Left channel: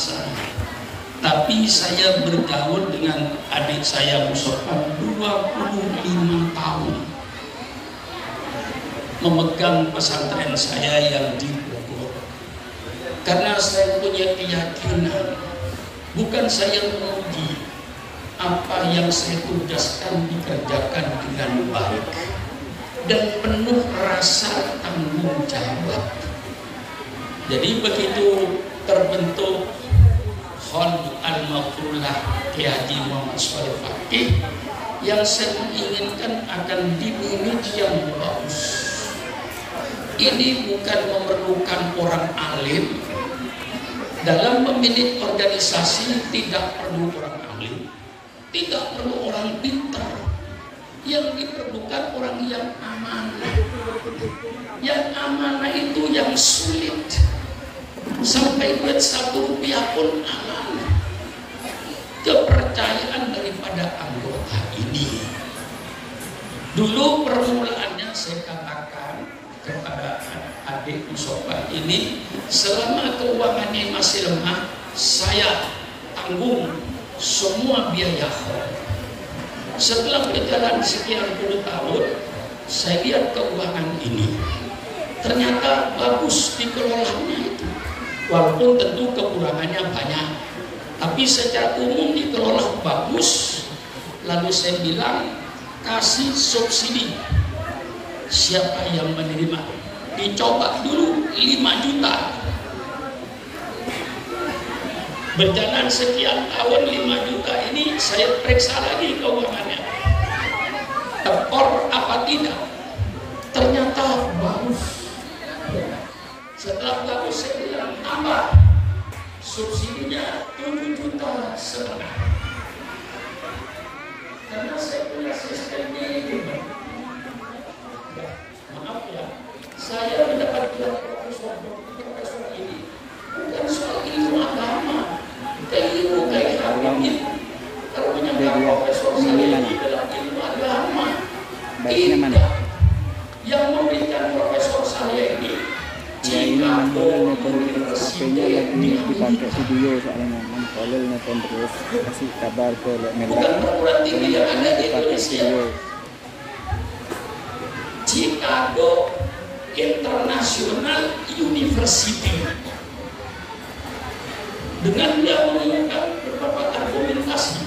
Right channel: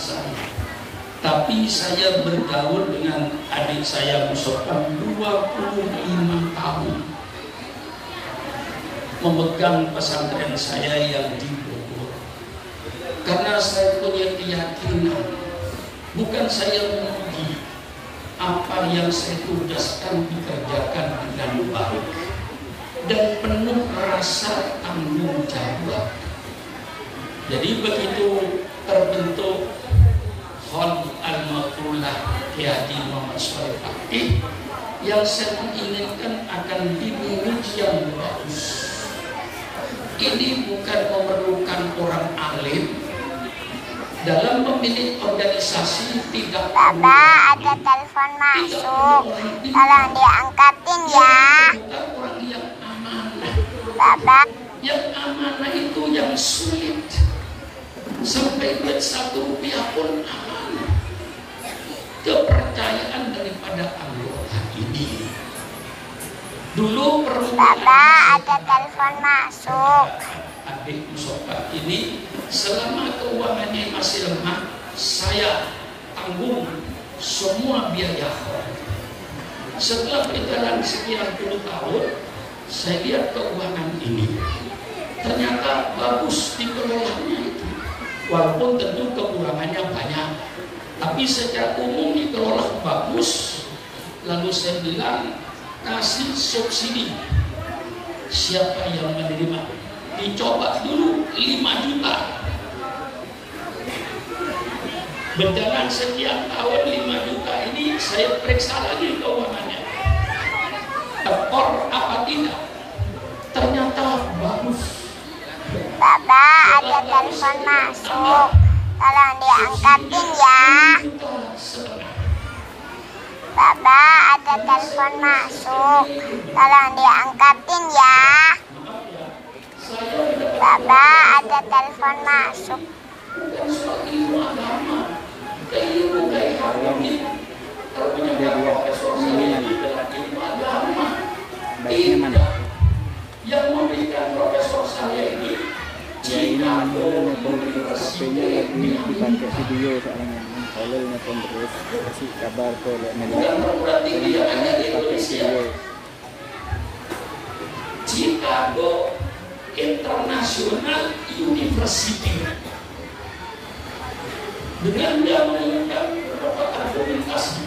saya. Tapi saya bergaul dengan adik saya Mustafa 25 tahun. Memegang pesantren saya yang di Bogor. Karena saya punya keyakinan, bukan saya memuji, apa yang saya tugaskan dikerjakan dengan baik dan penuh rasa tanggung jawab. Jadi begitu terbentuk Khon Al-Maqrulah Kiai Haji Muhammad Shalih Fakih, yang saya inginkan akan dimiliki yang bagus. Ini bukan memerlukan orang alim. Dalam memilih organisasi tidak perlu. Bapak, ada telepon masuk. Tolong diangkatin ya. Bukan orang yang amanah. Bapak. Yang amanah itu yang sulit. Sampai duit 1 rupiah pun amanah. Kepercayaan daripada anggota ini. Dulu permintaan Bapak, ada telepon masuk. Adik Mustafa ini, selama keuangannya masih lemah, saya tanggung semua biaya khon. Setelah berjalan sekian puluh tahun, saya lihat keuangan ini ternyata bagus dikelolanya itu. Walaupun tentu kekurangannya banyak, tapi secara umum dikelola bagus. Lalu saya bilang, kasih subsidi. Siapa yang menerima? Dicoba dulu 5 juta. Berjalan sekian tahun 5 juta ini saya periksa lagi keuangannya. Tekor apa tidak? Ternyata bagus. Bapak, ada telepon masuk. Tolong diangkatin ya. Bapak, ada telepon masuk. Tolong diangkatin ya. Bapak, ada telepon masuk. Baiknya mana? Yang memberikan profesor saya ini, Ya ini namanya HP-nya lagi dipakai video soalnya. Kalau nelfon terus kasih kabar ke Melek. Kalau dipakai video. Chicago International University. Dengan dia mengungkap beberapa argumentasi,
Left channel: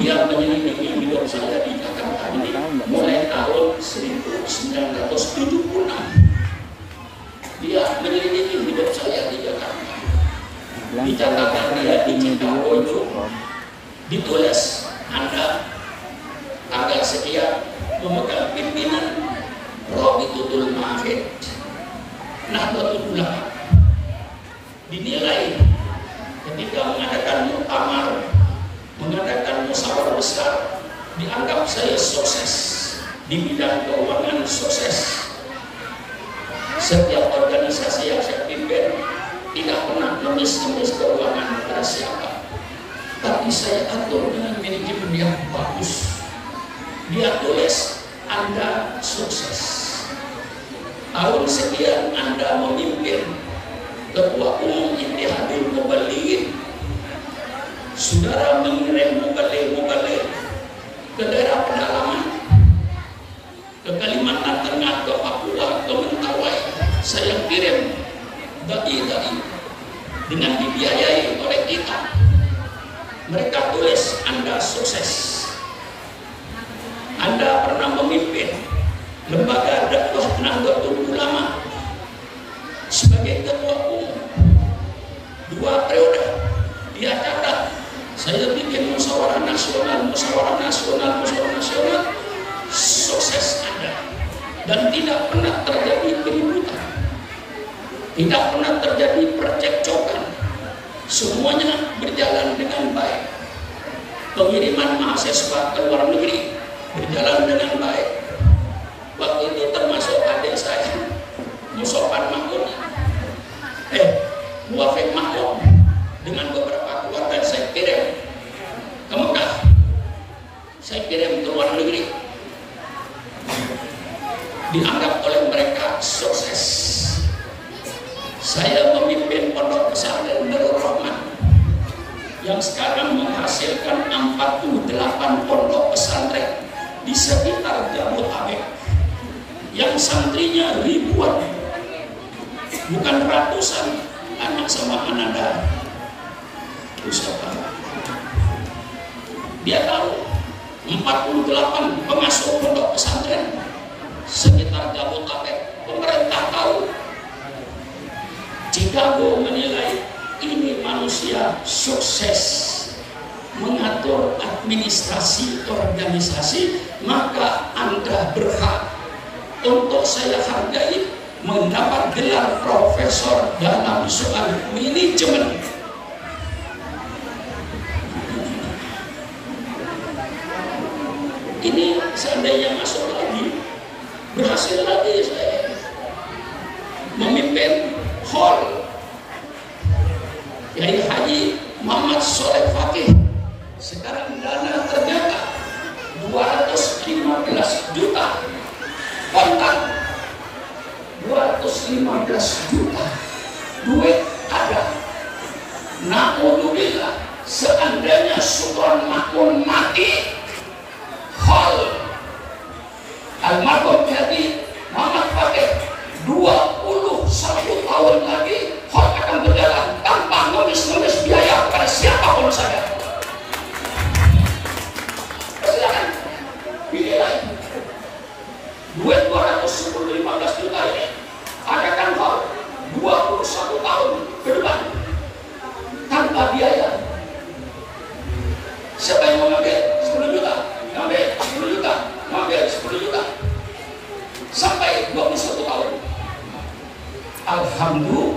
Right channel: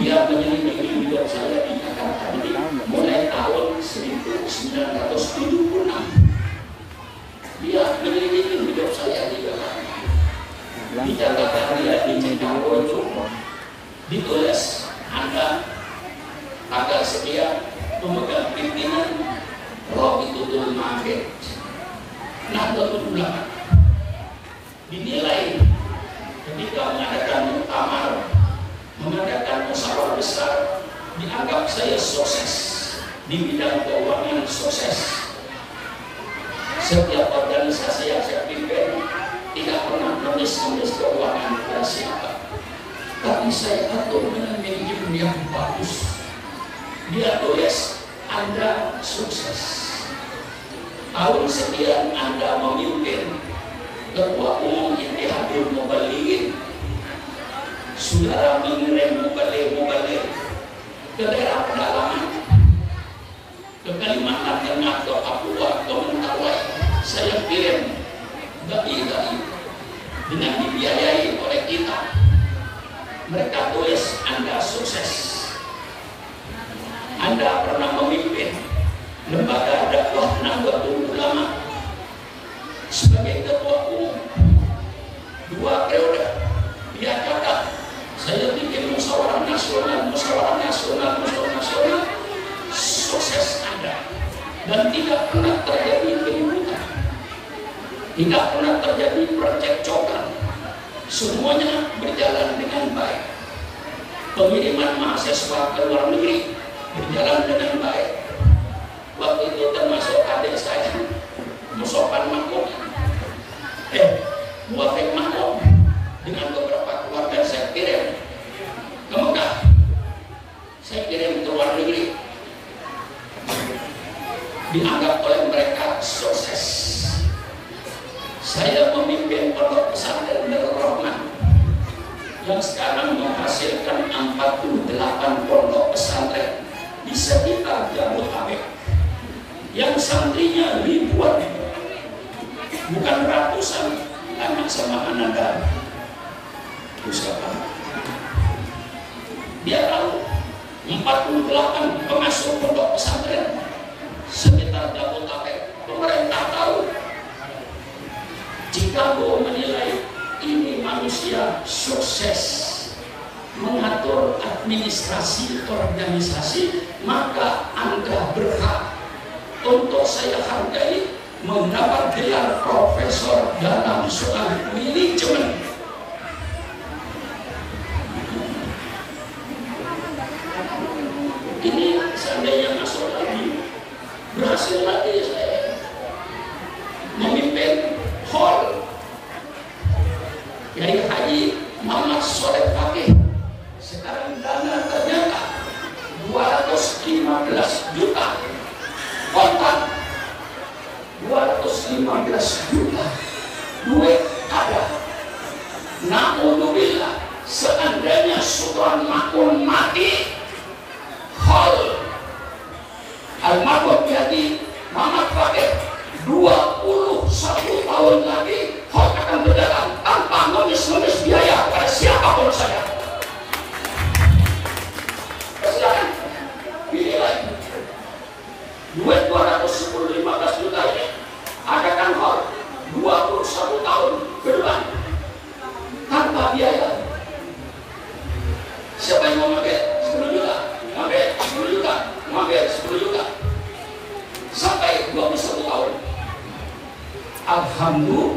dia menyelidiki hidup saya di Jakarta ini mulai tahun 1976. Dia menyelidiki hidup saya di Jakarta. Di Jakarta dia ditulis Anda tanggal sekian memegang pimpinan Robitul Mahfid Nahdlatul Ulama. Dinilai ketika mengadakan muktamar, mengadakan musyawarah besar, dianggap saya sukses di bidang keuangan, sukses. Setiap organisasi yang saya pimpin tidak pernah nulis-nulis keuangan kepada siapa, tapi saya atur dengan manajemen yang bagus. Dia tulis Anda sukses. Tahun sekian Anda memimpin Ketua Umum Ittihadul Muballighin. Saudara mengirim muballigh ke daerah pedalaman, ke Kalimantan Tengah, ke Papua, ke Mentawai. Saya kirim dai dengan dibiayai oleh kita. Mereka tulis Anda sukses. Anda pernah memimpin lembaga dakwah Nahdlatul Ulama sebagai ketua umum 2 periode. Dia catat, saya bikin musyawarah nasional, sukses Anda, dan tidak pernah terjadi keributan, tidak pernah terjadi percekcokan, semuanya berjalan dengan baik. Pengiriman mahasiswa ke luar negeri berjalan dengan baik. Waktu itu termasuk adik saya Musofan Maklum, Muafik Maklum, dengan beberapa keluarga saya kirim ke Mekah, saya kirim ke luar negeri. Dianggap oleh mereka sukses. Saya memimpin pondok pesantren Darul Rahman yang sekarang menghasilkan 48 pondok pesantren di sekitar Jabodetabek, yang santrinya ribuan, bukan ratusan. Tanya sama Ananda Pusaka, dia tahu 48 pengasuh pondok pesantren sekitar Jabodetabek. Pemerintah tahu. Chicago menilai ini manusia sukses mengatur administrasi organisasi, maka Anda berhak untuk saya hargai mendapat gelar profesor dalam soal manajemen. Ini seandainya masuk lagi, berhasil lagi saya memimpin hall Kiai Haji Muhammad Soleh Fakih. Sekarang dana ternyata 215 juta kontan, 215 juta duit ada. Naudzubillah, seandainya Sultan Makmun mati, hall almarhum Kiai Muhammad Fakih 21 tahun lagi hall akan berjalan tanpa nulis-nulis biaya kepada siapapun saya. Silakan dinilai duit 215 juta ini adakan hal 21 tahun ke depan tanpa biaya. Siapa yang mau ngambil 10 juta? Ngambil 10 juta, ngambil 10 juta sampai 21 tahun. Alhamdulillah,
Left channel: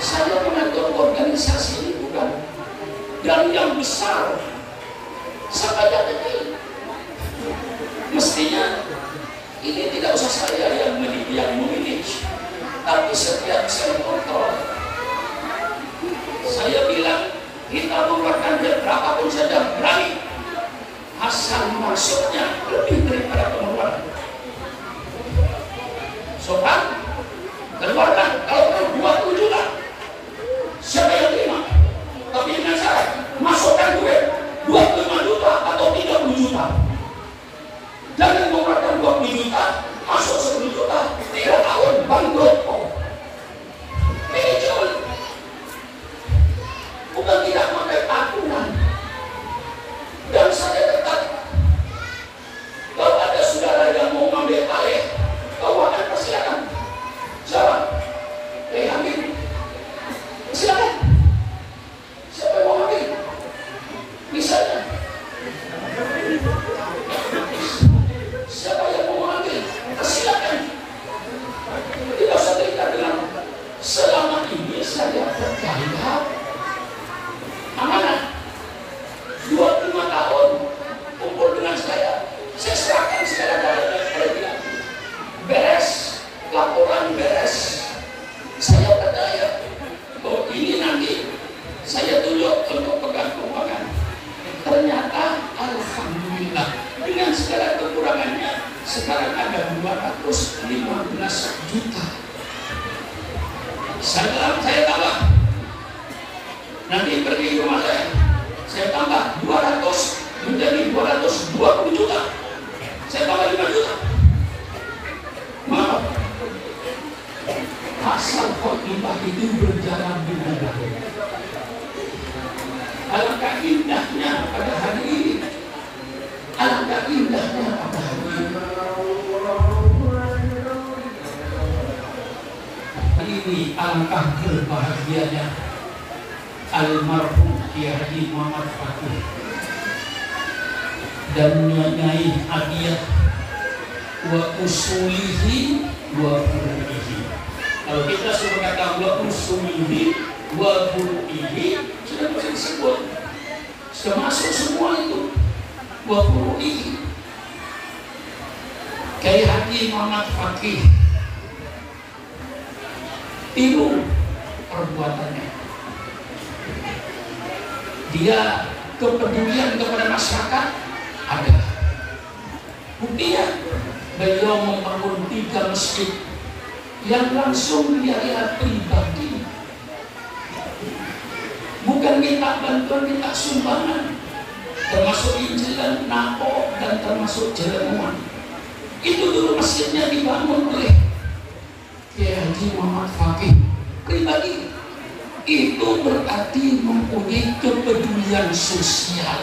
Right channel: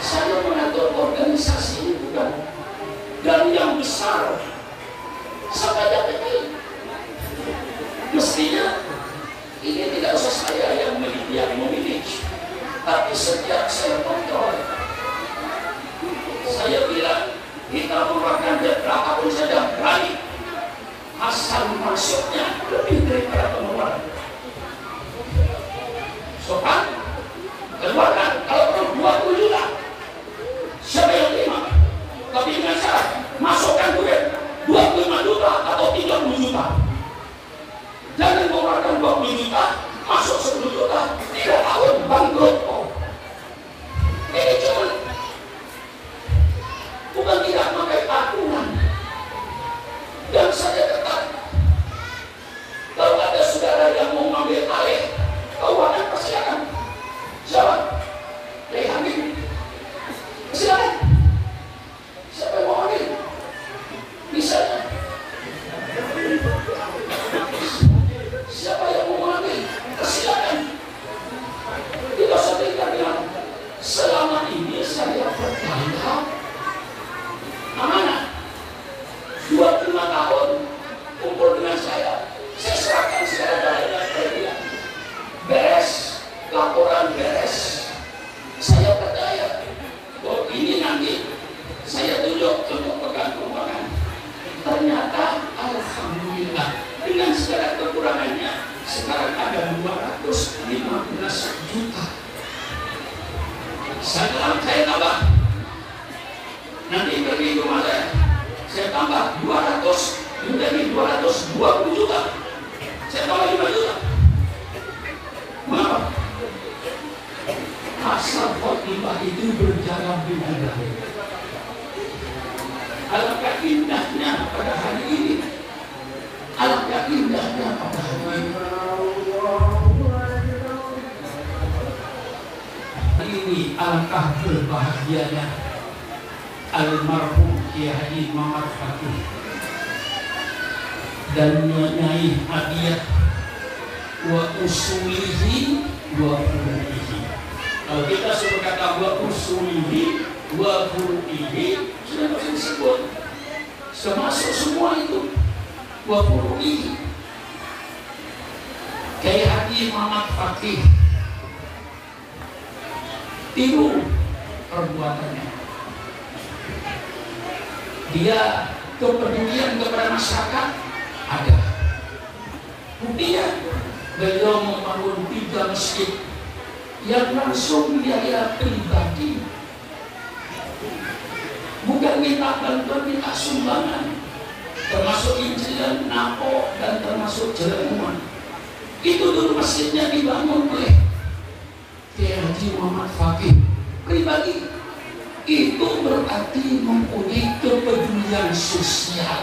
saya mengatur organisasi ini bukan dari yang besar sampai yang kecil. Mestinya ini tidak usah saya yang memiliki, tapi setiap saya kontrol. Saya bilang kita mengeluarkan berapapun saja berani, asal masuknya lebih daripada pengeluaran. Sopan, keluarkan. Kalau perlu 20 juta, siapa yang terima? Tapi dengan syarat masukkan duit 25 juta atau 30 juta. Jangan mengeluarkan 20 juta, masuk 10 juta, 3 tahun bangkrut. Manajemen bukan tidak pakai aturan. Dan saya tetap, kalau ada saudara yang mau ambil alih keuangan, persilakan. Jawab, Hamid, silakan. Siapa yang mau ambil? Misalnya, siapa yang mau ambil? Persilakan. Tidak usah terikat dengan selama ini saya percaya amanah. 25 tahun kumpul dengan saya serahkan segala-galanya kepada dia. Beres, laporan beres. Saya percaya bahwa ini nanti saya tunjuk untuk pegang keuangan. Ternyata alhamdulillah dengan segala kekurangannya sekarang ada 215 juta. Saya tambah. Nanti pergi ke rumah saya tambah 200 menjadi 220 juta. Saya tambah 5 juta. Mengapa? Asal khotbah itu berjalan dengan baik. Alangkah indahnya pada hari ini. Alangkah indahnya pada hari ini. Ini alangkah berbahagianya almarhum Kiai Haji Muhammad Fakih dan Nyai Hadiah wa usulihi wa furu'ihi. Kalau kita sudah kata wa usulihi wa furu'ihi, sudah bisa disebut, sudah masuk semua itu. Wa furu'ihi, Kiai Haji Muhammad Fakih itu perbuatannya, dia kepedulian kepada masyarakat ada. Buktinya beliau membangun 3 masjid yang langsung biaya pribadi, bukan minta bantuan, minta sumbangan, termasuk injilan, napo, dan termasuk jeremuan. Itu dulu masjidnya dibangun oleh Kiai Haji Muhammad Fakih pribadi. Itu berarti mempunyai kepedulian sosial.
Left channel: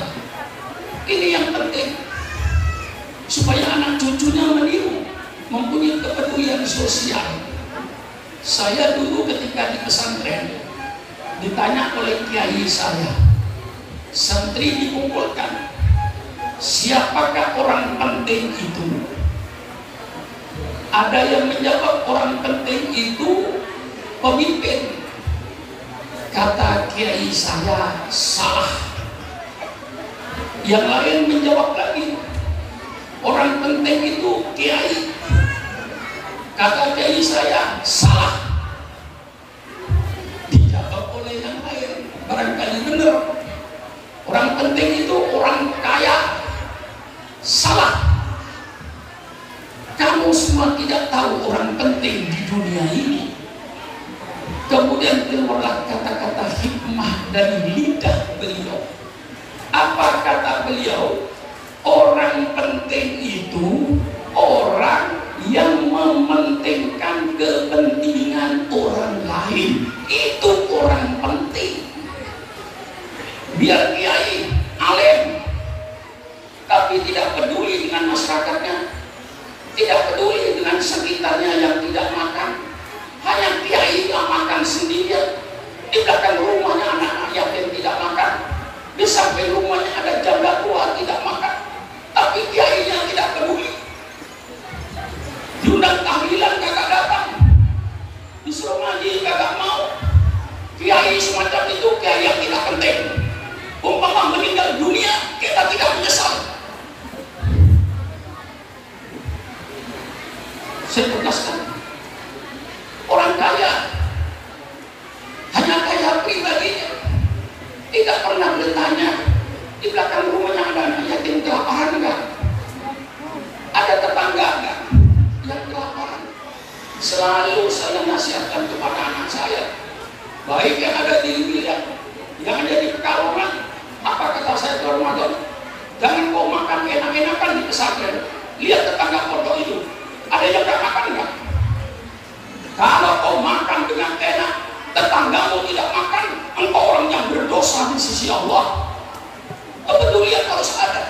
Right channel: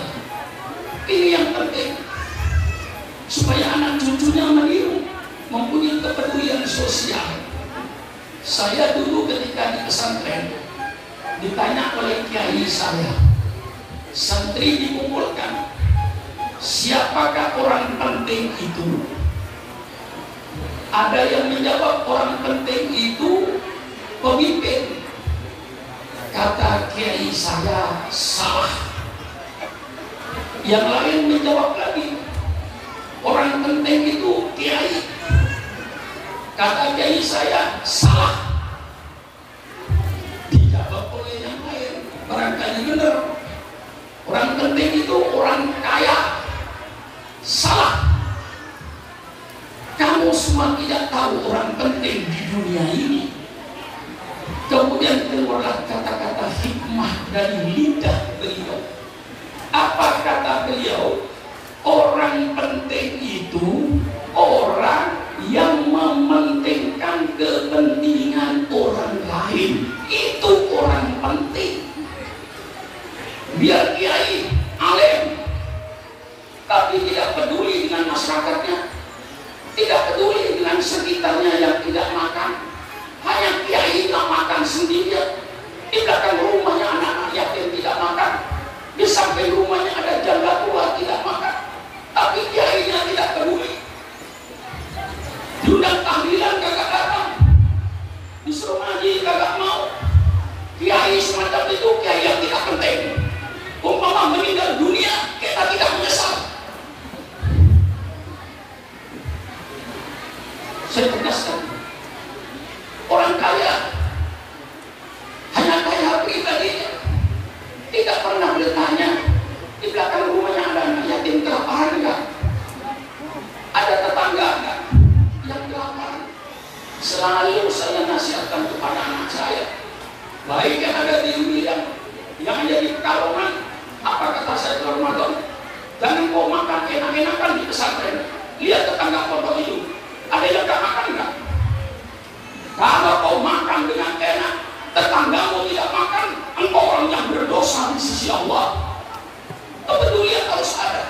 Ini yang penting, supaya anak cucunya meniru, mempunyai kepedulian sosial. Saya dulu ketika di pesantren ditanya oleh kiai saya, santri dikumpulkan, siapakah orang penting itu? Ada yang menjawab orang penting itu pemimpin. Kata kiai saya, salah. Yang lain menjawab lagi, orang penting itu kiai. Kata kiai saya, salah. Dijawab oleh yang lain, barangkali benar. Orang penting itu orang kaya. Salah. Kamu semua tidak tahu orang penting di dunia ini. Kemudian keluarlah kata-kata hikmah dari lidah beliau. Apa kata beliau? Orang penting itu orang yang mementingkan kepentingan orang lain. Itu orang penting. Biar kiai alim, tapi tidak peduli dengan masyarakatnya, tidak peduli dengan sekitarnya yang tidak makan. Hanya kiai yang makan sendirian. Di belakang rumahnya anak-anak yatim tidak makan. Di samping rumahnya ada janda tua tidak makan. Tapi kiainya tidak peduli. Diundang tahlilan kagak datang. Disuruh ngaji kagak mau. Kiai semacam itu kiai yang tidak penting. Umpama meninggal dunia, kita tidak menyesal. Saya tegaskan, orang kaya hanya kaya pribadinya, tidak pernah bertanya di belakang rumahnya ada anak yatim kelaparan enggak, ada tetangga enggak yang kelaparan. Selalu saya nasihatkan kepada anak saya, baik yang ada di wilayah, yang ada di Pekalongan. Apa kata saya ke Ramadan? Jangan kau makan enak-enakan di pesantren. Lihat tetangga pondok itu, ada yang gak makan enggak? Kalau kau makan dengan enak, tetanggamu tidak makan, engkau orang yang berdosa di sisi Allah. Kepedulian harus ada.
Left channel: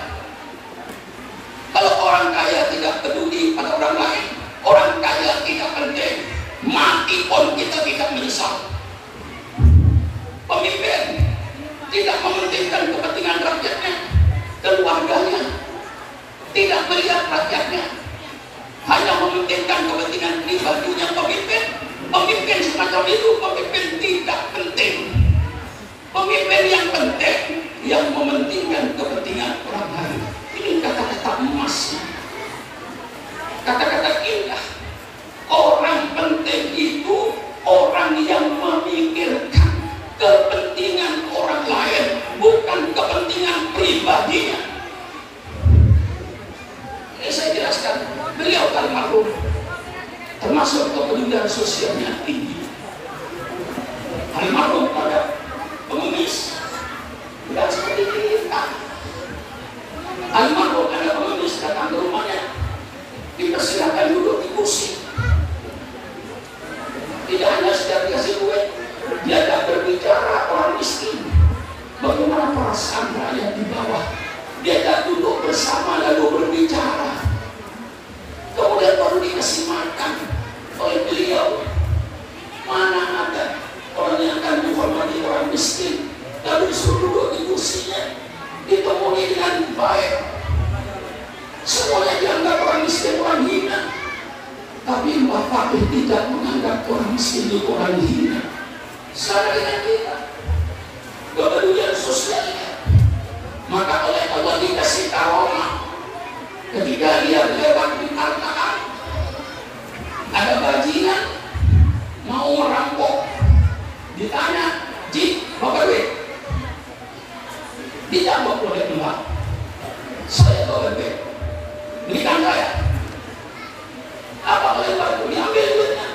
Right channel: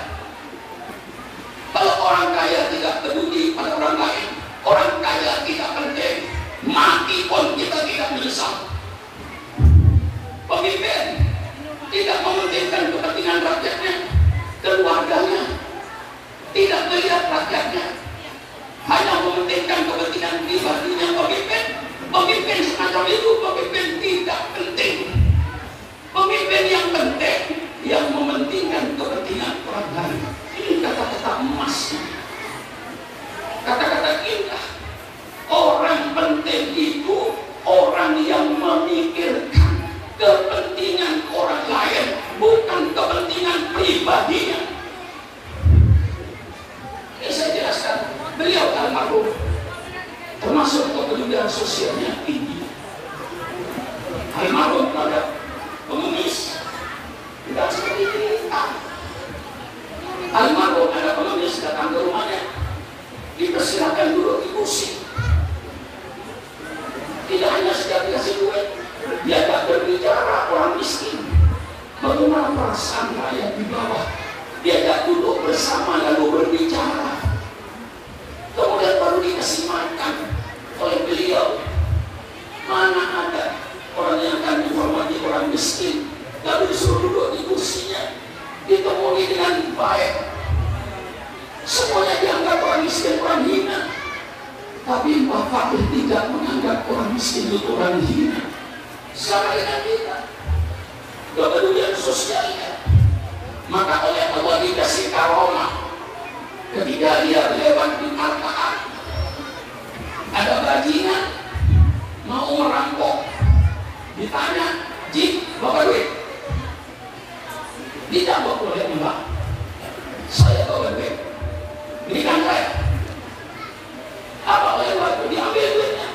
Kalau orang kaya tidak peduli pada orang lain, orang kaya tidak penting, mati pun kita tidak menyesal. Pemimpin tidak mementingkan kepentingan rakyatnya, keluarganya, tidak melihat rakyatnya, hanya mementingkan kepentingan pribadinya pemimpin. Pemimpin semacam itu pemimpin tidak penting. Pemimpin yang penting, yang mementingkan kepentingan orang lain. Ini kata-kata emas, kata-kata indah. Orang penting itu orang yang memikirkan kepentingan orang lain, bukan kepentingan pribadinya. Ini saya jelaskan. Beliau almarhum termasuk kepedulian sosialnya tinggi. Almarhum pada pengemis, bukan seperti kita. Almarhum ada pengemis datang ke rumahnya, dipersilakan duduk di kursi. Tidak hanya sekedar dikasih duit, diajak berbicara orang miskin. Bagaimana perasaan rakyat di bawah? Diajak duduk bersama lalu berbicara. Kemudian baru dikasih makan oleh beliau. Mana ada orang yang akan menghormati orang miskin, lalu disuruh duduk di kursinya, ditemui dengan baik. Semuanya dianggap orang miskin, orang hina. Tapi Mbak Fakih tidak menganggap orang miskin itu orang hina. Sama dengan kita, kepedulian sosialnya. Maka oleh Allah dikasih karomah. Ketika dia lewat di hartaan, ada bajingan mau merampok, ditanya, "Ji, bapak duit?" Dijawab oleh Mbak, "Saya bawa duit, berikan saya." Apa oleh waktu diambil duitnya,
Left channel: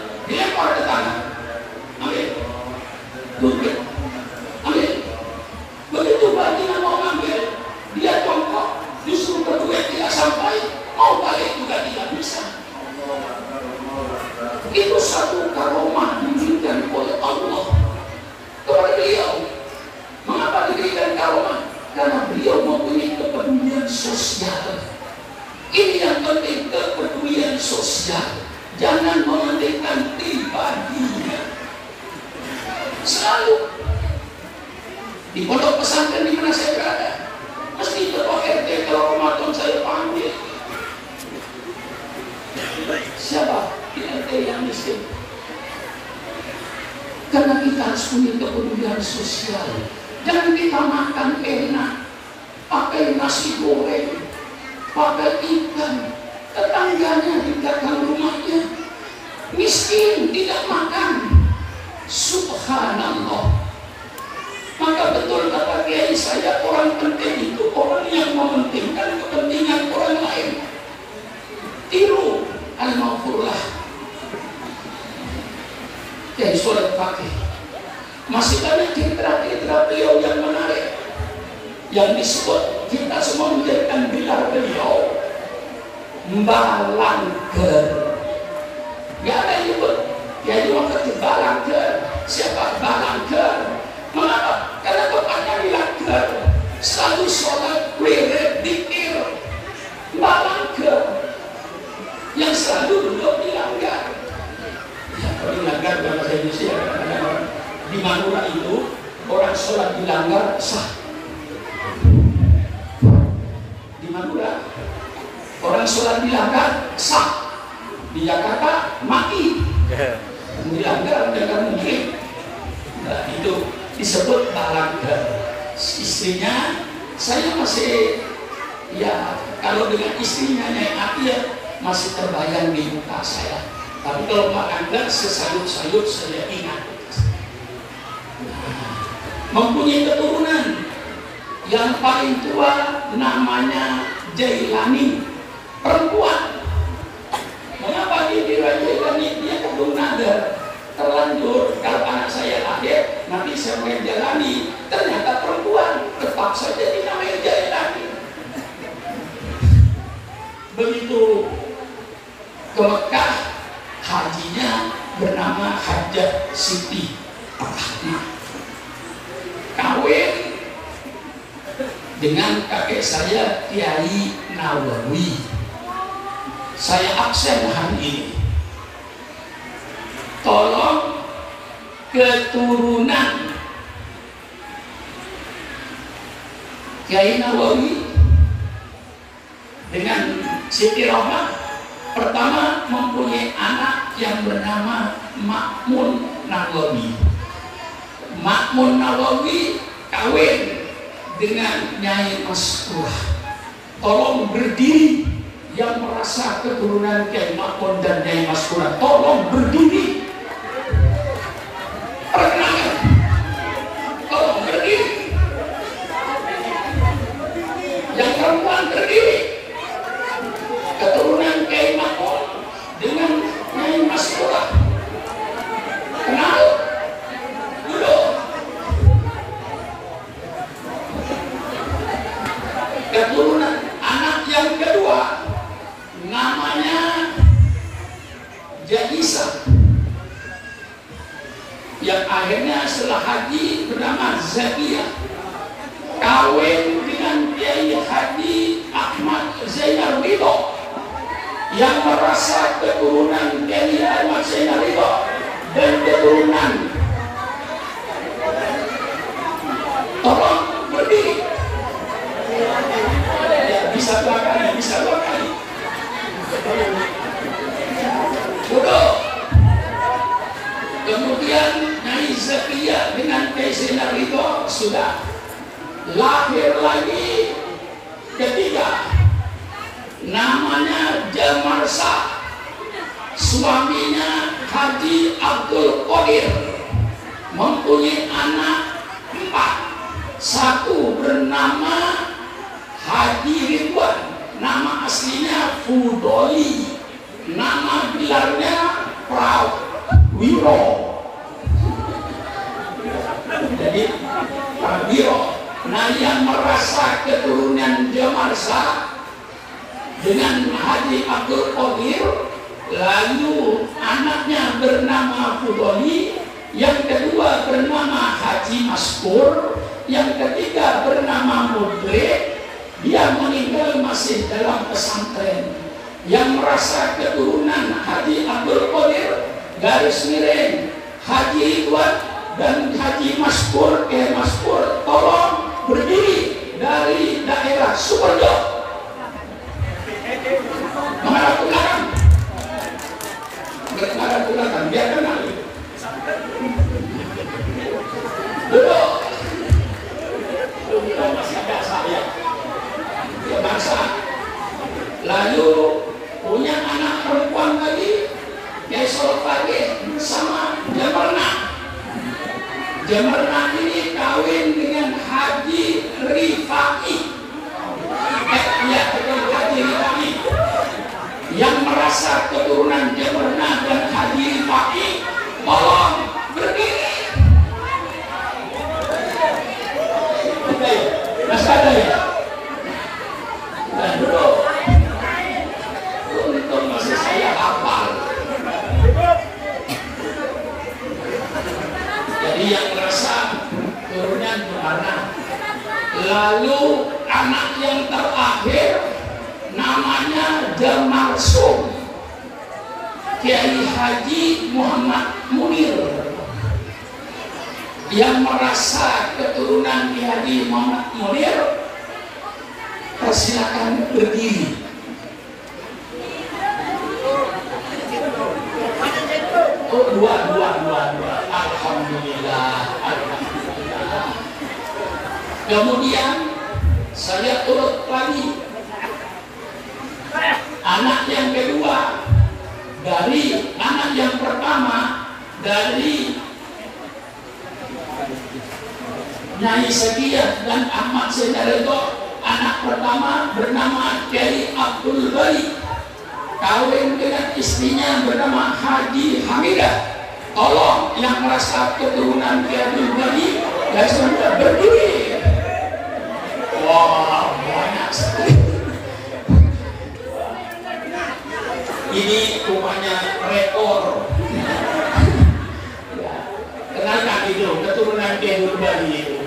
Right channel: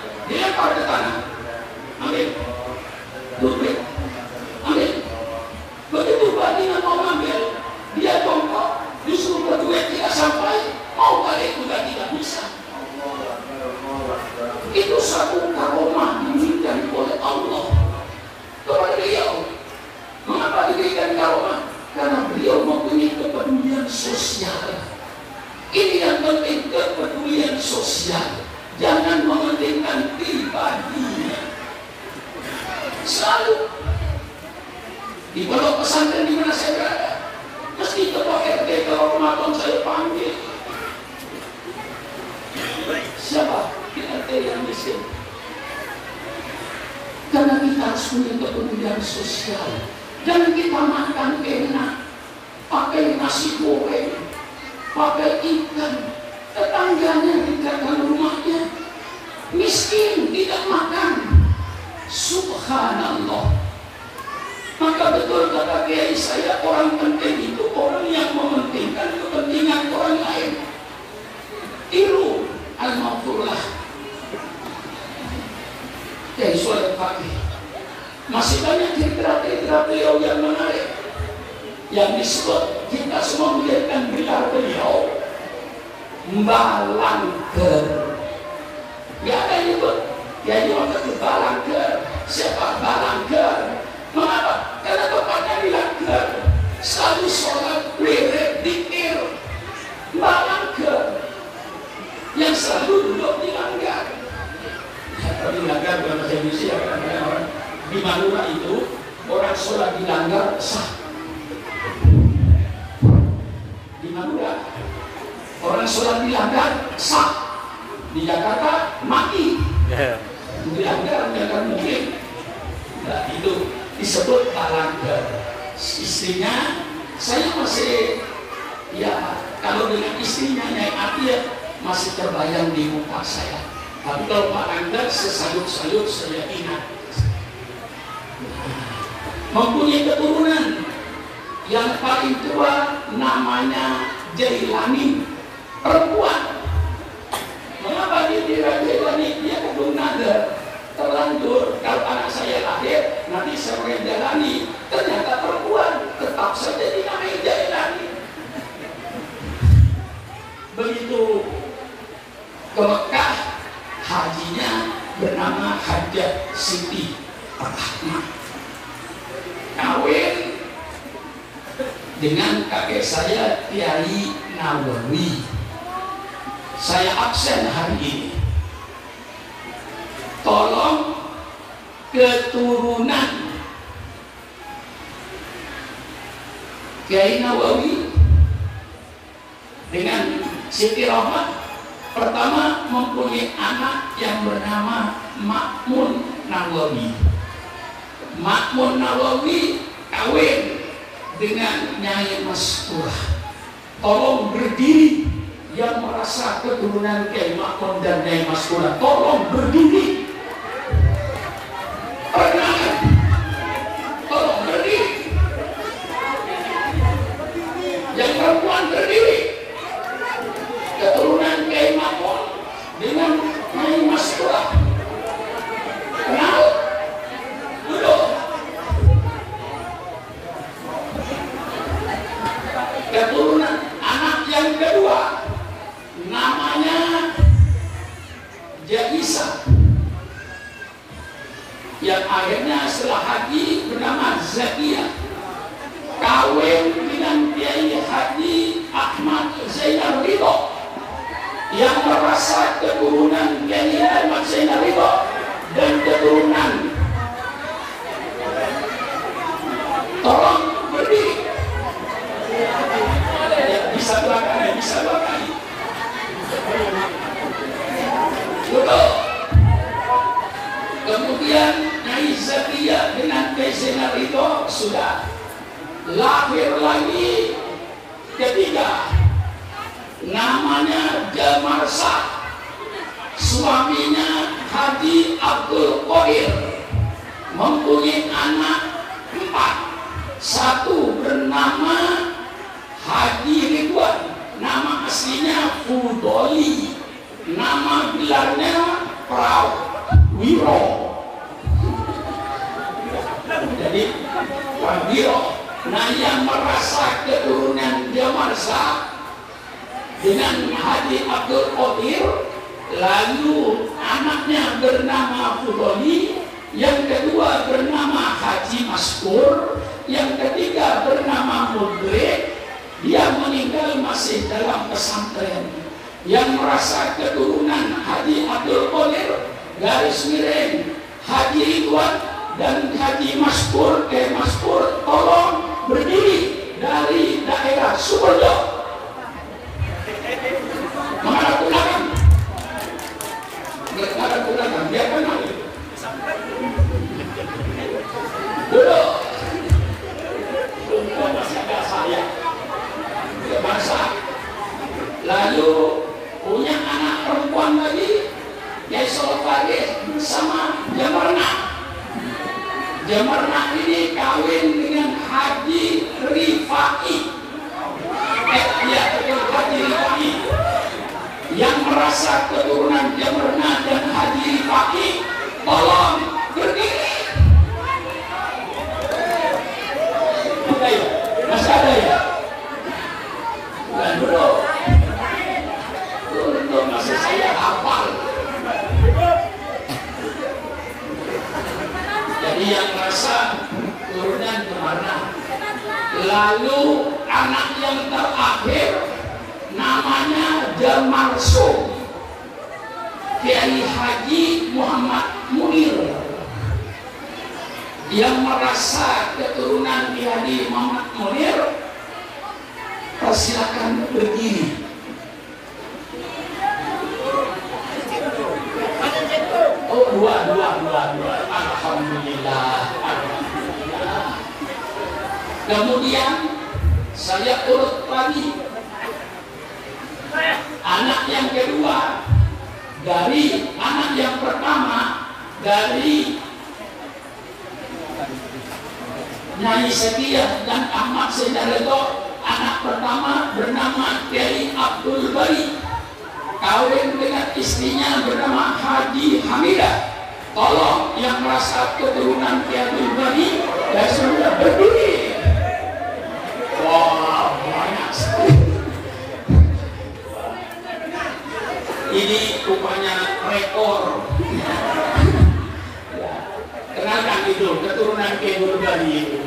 fakir yang miskin. Karena kita harus punya kepedulian sosial. Jangan kita makan enak, pakai nasi goreng, pakai ikan, tetangganya di belakang rumahnya miskin, tidak makan. Subhanallah. Maka betul kata kiai saya, orang penting itu orang yang mementingkan kepentingan orang lain. Tiru al-mawfurlah Kiai Soleh Fakih. Masih banyak cerita-cerita beliau yang menarik, yang disebut kita semua menjadikan gelar beliau Balangger. Gak ada yang nyebut ya waktu itu Balangger. Siapa Balangger? Mengapa? Karena tempatnya di Langgar, selalu sholat wirid dikir. Balangger yang selalu duduk di Langgar. Di Langgar bukan bahasa Indonesia, kadang-kadang di Madura itu orang sholat di Langgar sah. Di Madura orang sholat di Langgar sah. Di Jakarta mati. Di Langgar mungkin. Nah, itu disebut Balangger. Istrinya saya masih ya kalau dengan istrinya Nyai Atia masih terbayang di muka saya. Tapi kalau Balangger sesayut-sayut saya ingat. Mempunyai keturunan yang paling tua namanya Jailani, perempuan. Mengapa dia Jailani? Dia kandung nada. Terlanjur kalau anak saya lahir nanti saya menjalani, ternyata perempuan, tetap saja dinamai Jailani. Begitu ke Mekah, hajinya bernama Hajjah Siti Ahmad. Kawin dengan kakek saya Kiai Nawawi. Saya absen hari ini. Tolong keturunan Kiai Nawawi dengan Siti Rohmah pertama mempunyai anak yang bernama Makmun Nawawi. Makmun Nawawi kawin dengan Nyai Maskurah. Tolong berdiri yang merasa keturunan Kiai Makmun dan Nyai Maskurah. Tolong berdiri. Perkenalkan. Tolong berdiri. Yang perempuan berdiri. Keturunan Kiai Makmun dengan Nyai Maskurah. Kenal? Duduk. Keturunan anak yang kedua namanya Jaisa, yang akhirnya setelah haji bernama Zakia, kawin dengan Kiai Haji Ahmad Zainal Ridho yang merasa keturunan Kiai Ahmad Zainal Ridho dan keturunan. Tolong berdiri. Bisa dua kali. Duduk. Kemudian Nyai Zakia dengan Kiai Zainal Ridho sudah lahir lagi ketiga, namanya Jamarsa, suaminya Haji Abdul Qadir, mempunyai anak 4. Satu bernama Haji Ridwan, nama aslinya Fudoli, nama gelarnya Prawiro. Jadi Prawiro. Nah, yang merasa keturunan Jamarsa dengan Haji Abdul Qadir, lalu anaknya bernama Fudoli, yang kedua bernama Haji Maskur, yang ketiga bernama Mudrik. Dia meninggal masih dalam pesantren. Yang merasa keturunan Haji Abdul Qadir, garis miring Haji Ridwan dan Haji Maskur, Maskur, tolong berdiri dari daerah Sukoharjo. Menghadap belakang. lagi Kiai Solopage sama Jamarna. Jamarna ini kawin dengan Haji Rifai. Haji Rifai yang merasa keturunan Jamarna dan Haji Rifai, tolong berdiri. Masih ada ya? Dan bro, untung masih saya hafal. Jadi yang merasa turunan Jamarna. Lalu anak yang terakhir namanya Jamarsum, Kiai Haji Muhammad Munir, yang merasa keturunan Kiai Haji Muhammad Munir, persilakan berdiri. Oh, dua. Alhamdulillah. Kemudian saya urut lagi. Anak yang kedua dari anak yang pertama dari Nyai Sekiah dan Ahmad Sedareto. Anak pertama bernama Kiai Abdul Bari, kawin dengan istrinya bernama Haji Hamidah. Tolong yang merasa keturunan Kiai Abdul Bari dan sudah berdiri. Wah, banyak sekali. Ini rupanya rekor. Kenalkan itu keturunan Kiai Abdul Bari itu.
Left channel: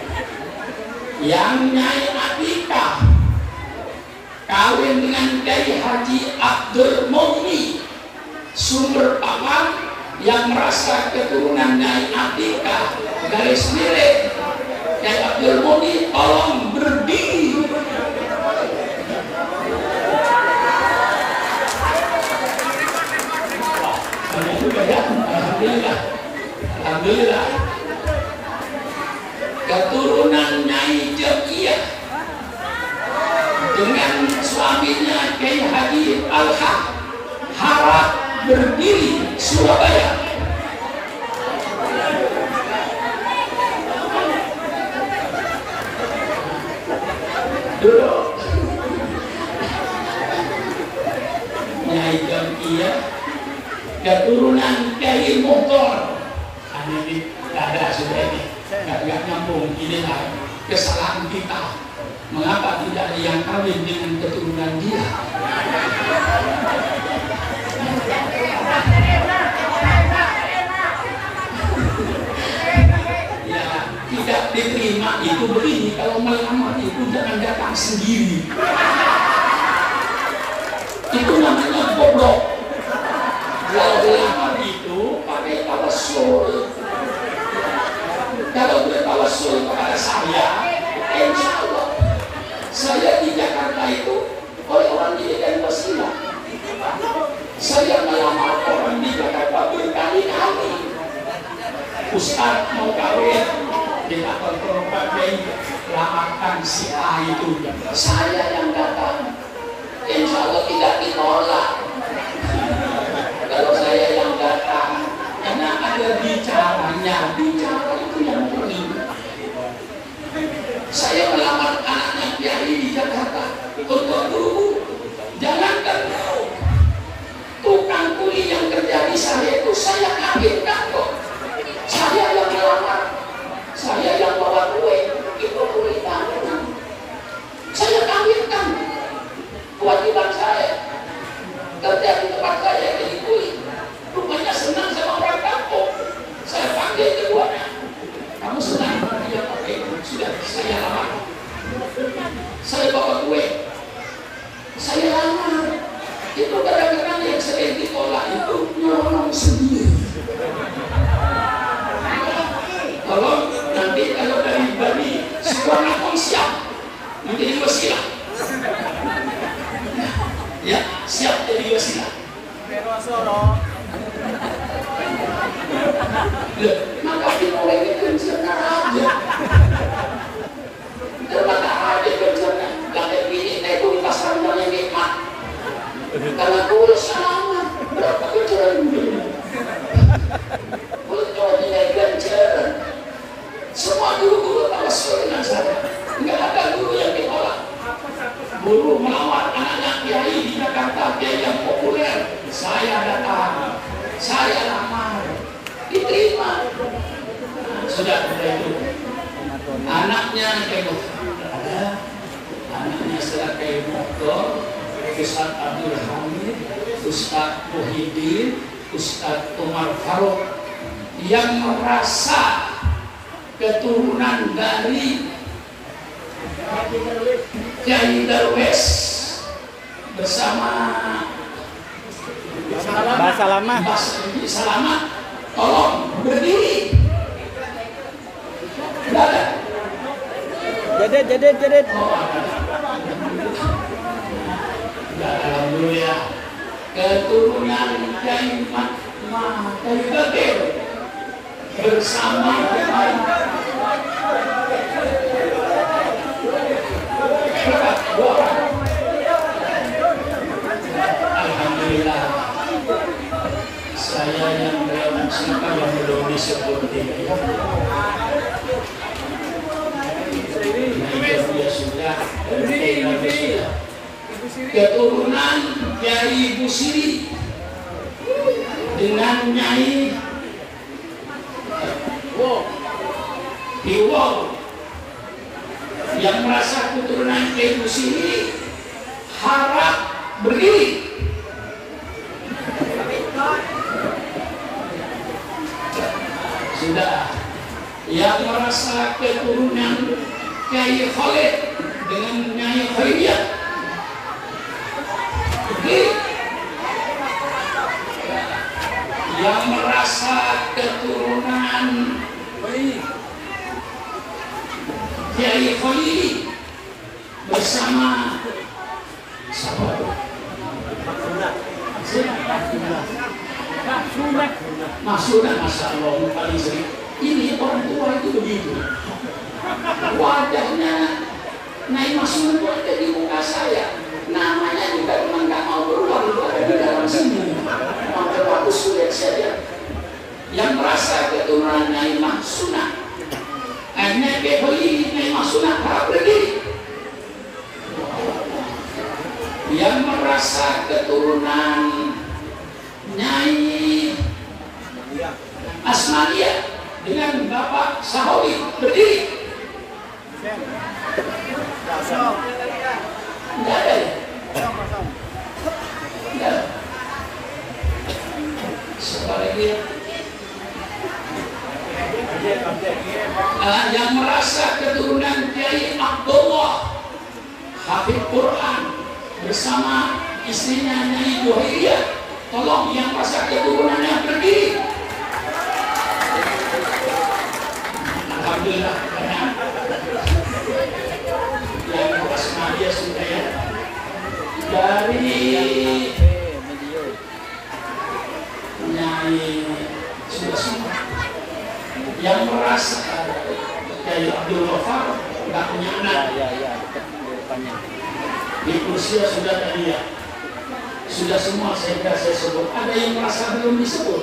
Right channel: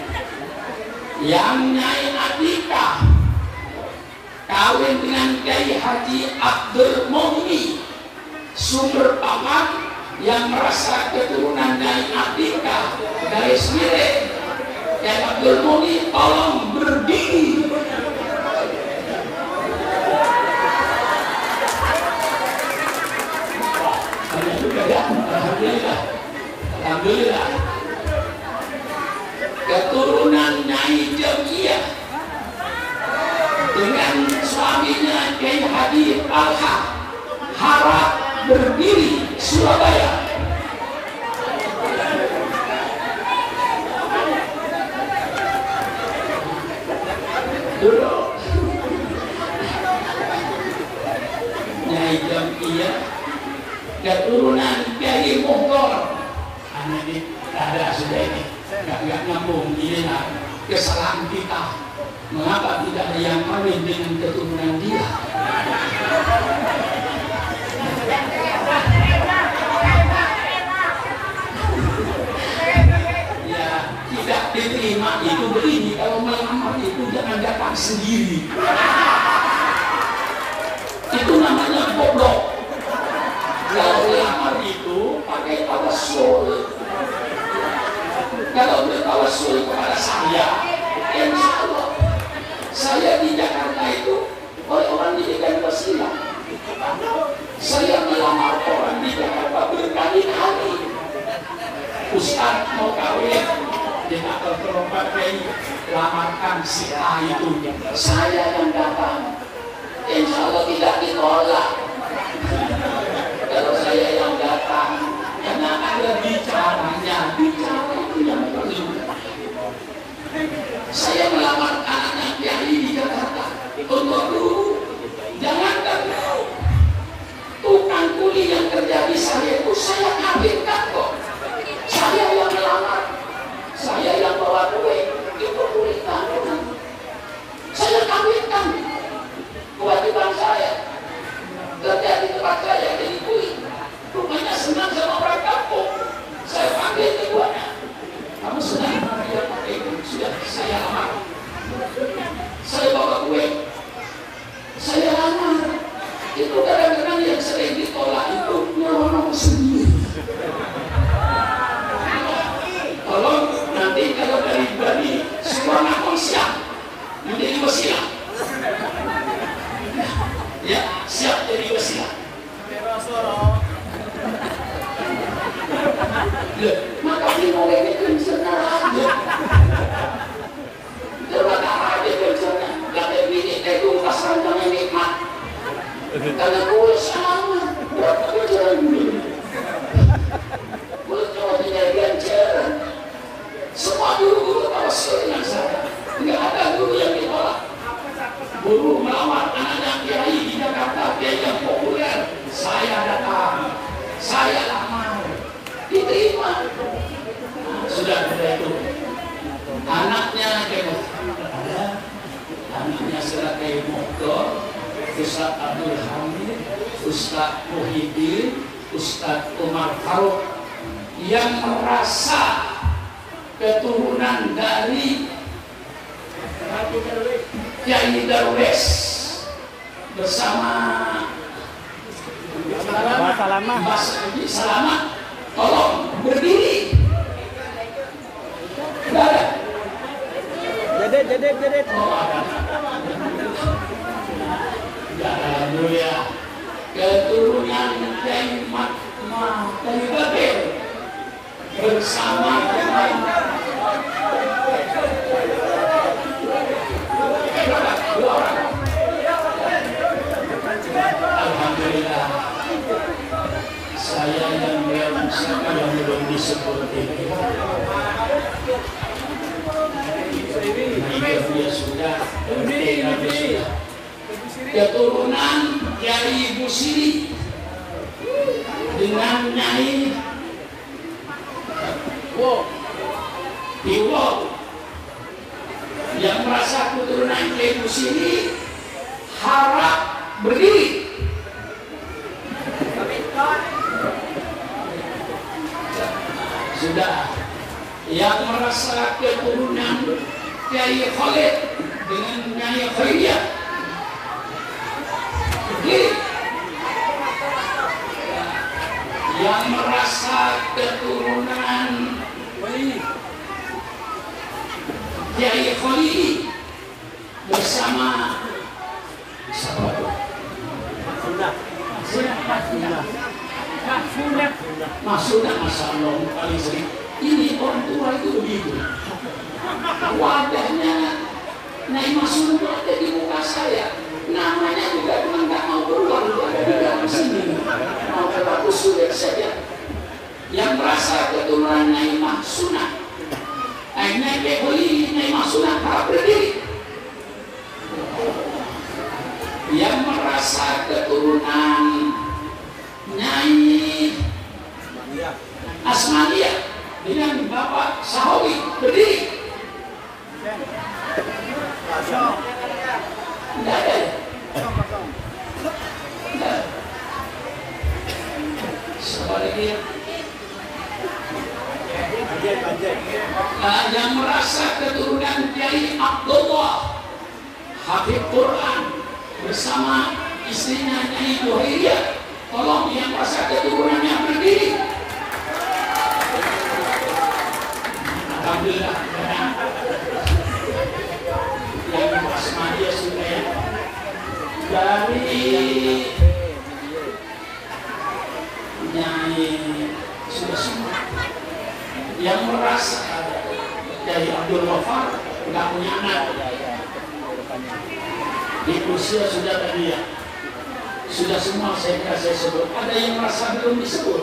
Yang Nyai Atika kawin dengan Kiai Haji Abdul Muni Sumber Paman, yang merasa keturunan Nyai Atika garis miring Kiai Abdul Muni, tolong berdiri. Alhamdulillah. Keturunan Nyai Jamiah dengan suaminya Kiai Haji Al-Haq harap berdiri, Surabaya. Duduk. Nyai Jamiah keturunan Kiai Mughthar. Ini ada sudah ini. Nggak nyambung, inilah kesalahan kita. Mengapa tidak ada yang kawin dengan keturunan dia? Ya, tidak diterima itu begini. Kalau melamar itu jangan datang sendiri. Itu namanya goblok. Kalau melamar itu pakai tawasul. Kalau bertawasul kepada saya, insya Allah saya di Jakarta itu oleh orang dijadikan wasilah. Saya melamar orang di Jakarta berkali-kali. Ustaz mau kawin di kantor perempuan, lamarkan si A itu. Saya yang datang, insya Allah tidak ditolak. Kalau saya yang datang, karena ada bicaranya, bicara itu yang penting. Saya melamar anaknya Kiai di Jakarta untuk dulu, jangankan tukang kuli yang kerja di saya itu saya kawinkan kok. Saya yang melamar, saya yang bawa kue, itu kuli tanggungan. Saya kawinkan, kewajiban saya kerja di tempat saya jadi kuli. Rupanya senang sama orang kampung. Saya panggil keduanya. Kamu senang sama dia? Oke, sudah saya lamar. Saya bawa kue. Saya lamar. Itu kadang-kadang yang sering ditolak itu nyolong sendiri. Tolong nanti kalau dari Sukarnakon siap menjadi wasilah. Ya, siap jadi wasilah. Maka pinorengnya kenceng aja. Ternyata aja kencengnya. Gak bini itu pas rendangnya nikmat. Karena kurus lama. Berapa Ustaz Abdul Hamid, Ustaz Muhyiddin, Ustaz Umar Faruk yang merasa keturunan dari Kiai Darwis bersama Mas Salamat, tolong berdiri. Jadet. Alhamdulillah, keturunan Kiai Bakir bersama dua orang. Alhamdulillah, saya yang siapa yang belum disebut ini. Dia sudah keturunan Kiai Busiri dengan Nyai Iwo yang merasa keturunan Kiai Busiri harap berdiri. Sudah yang merasa keturunan Kiai Khalid dengan Nyai Khalidiyah berdiri. Yang merasa keturunan Kiai Khalid bersama Sudah, Masya Allah, paling sering. Ini orang tua itu begitu. Wajahnya Nyai Masuna itu ada di muka saya. Namanya juga memang nggak mau keluar, itu ada di dalam sini. Mau terlalu sulit saja. Yang merasa keturunan Nyai Masuna, Nyai Masuna harap berdiri. Yang merasa keturunan Nyai Asmadia dengan Bapak Sahawi berdiri. Tidak ada ya? Tidak ada. Siapa lagi? Yang merasa keturunan Kiai Abdullah Habib Quran bersama istrinya Nyai Buhiriyah, tolong yang merasa keturunannya berdiri. Alhamdulillah, banyak yang Asmadia sudah ya. Dari Nyai sudah semua yang merasa dari Abdul Wafar nggak punya anak di usia sudah tadi ya, sudah semua saya sebut. Ada yang merasa belum disebut.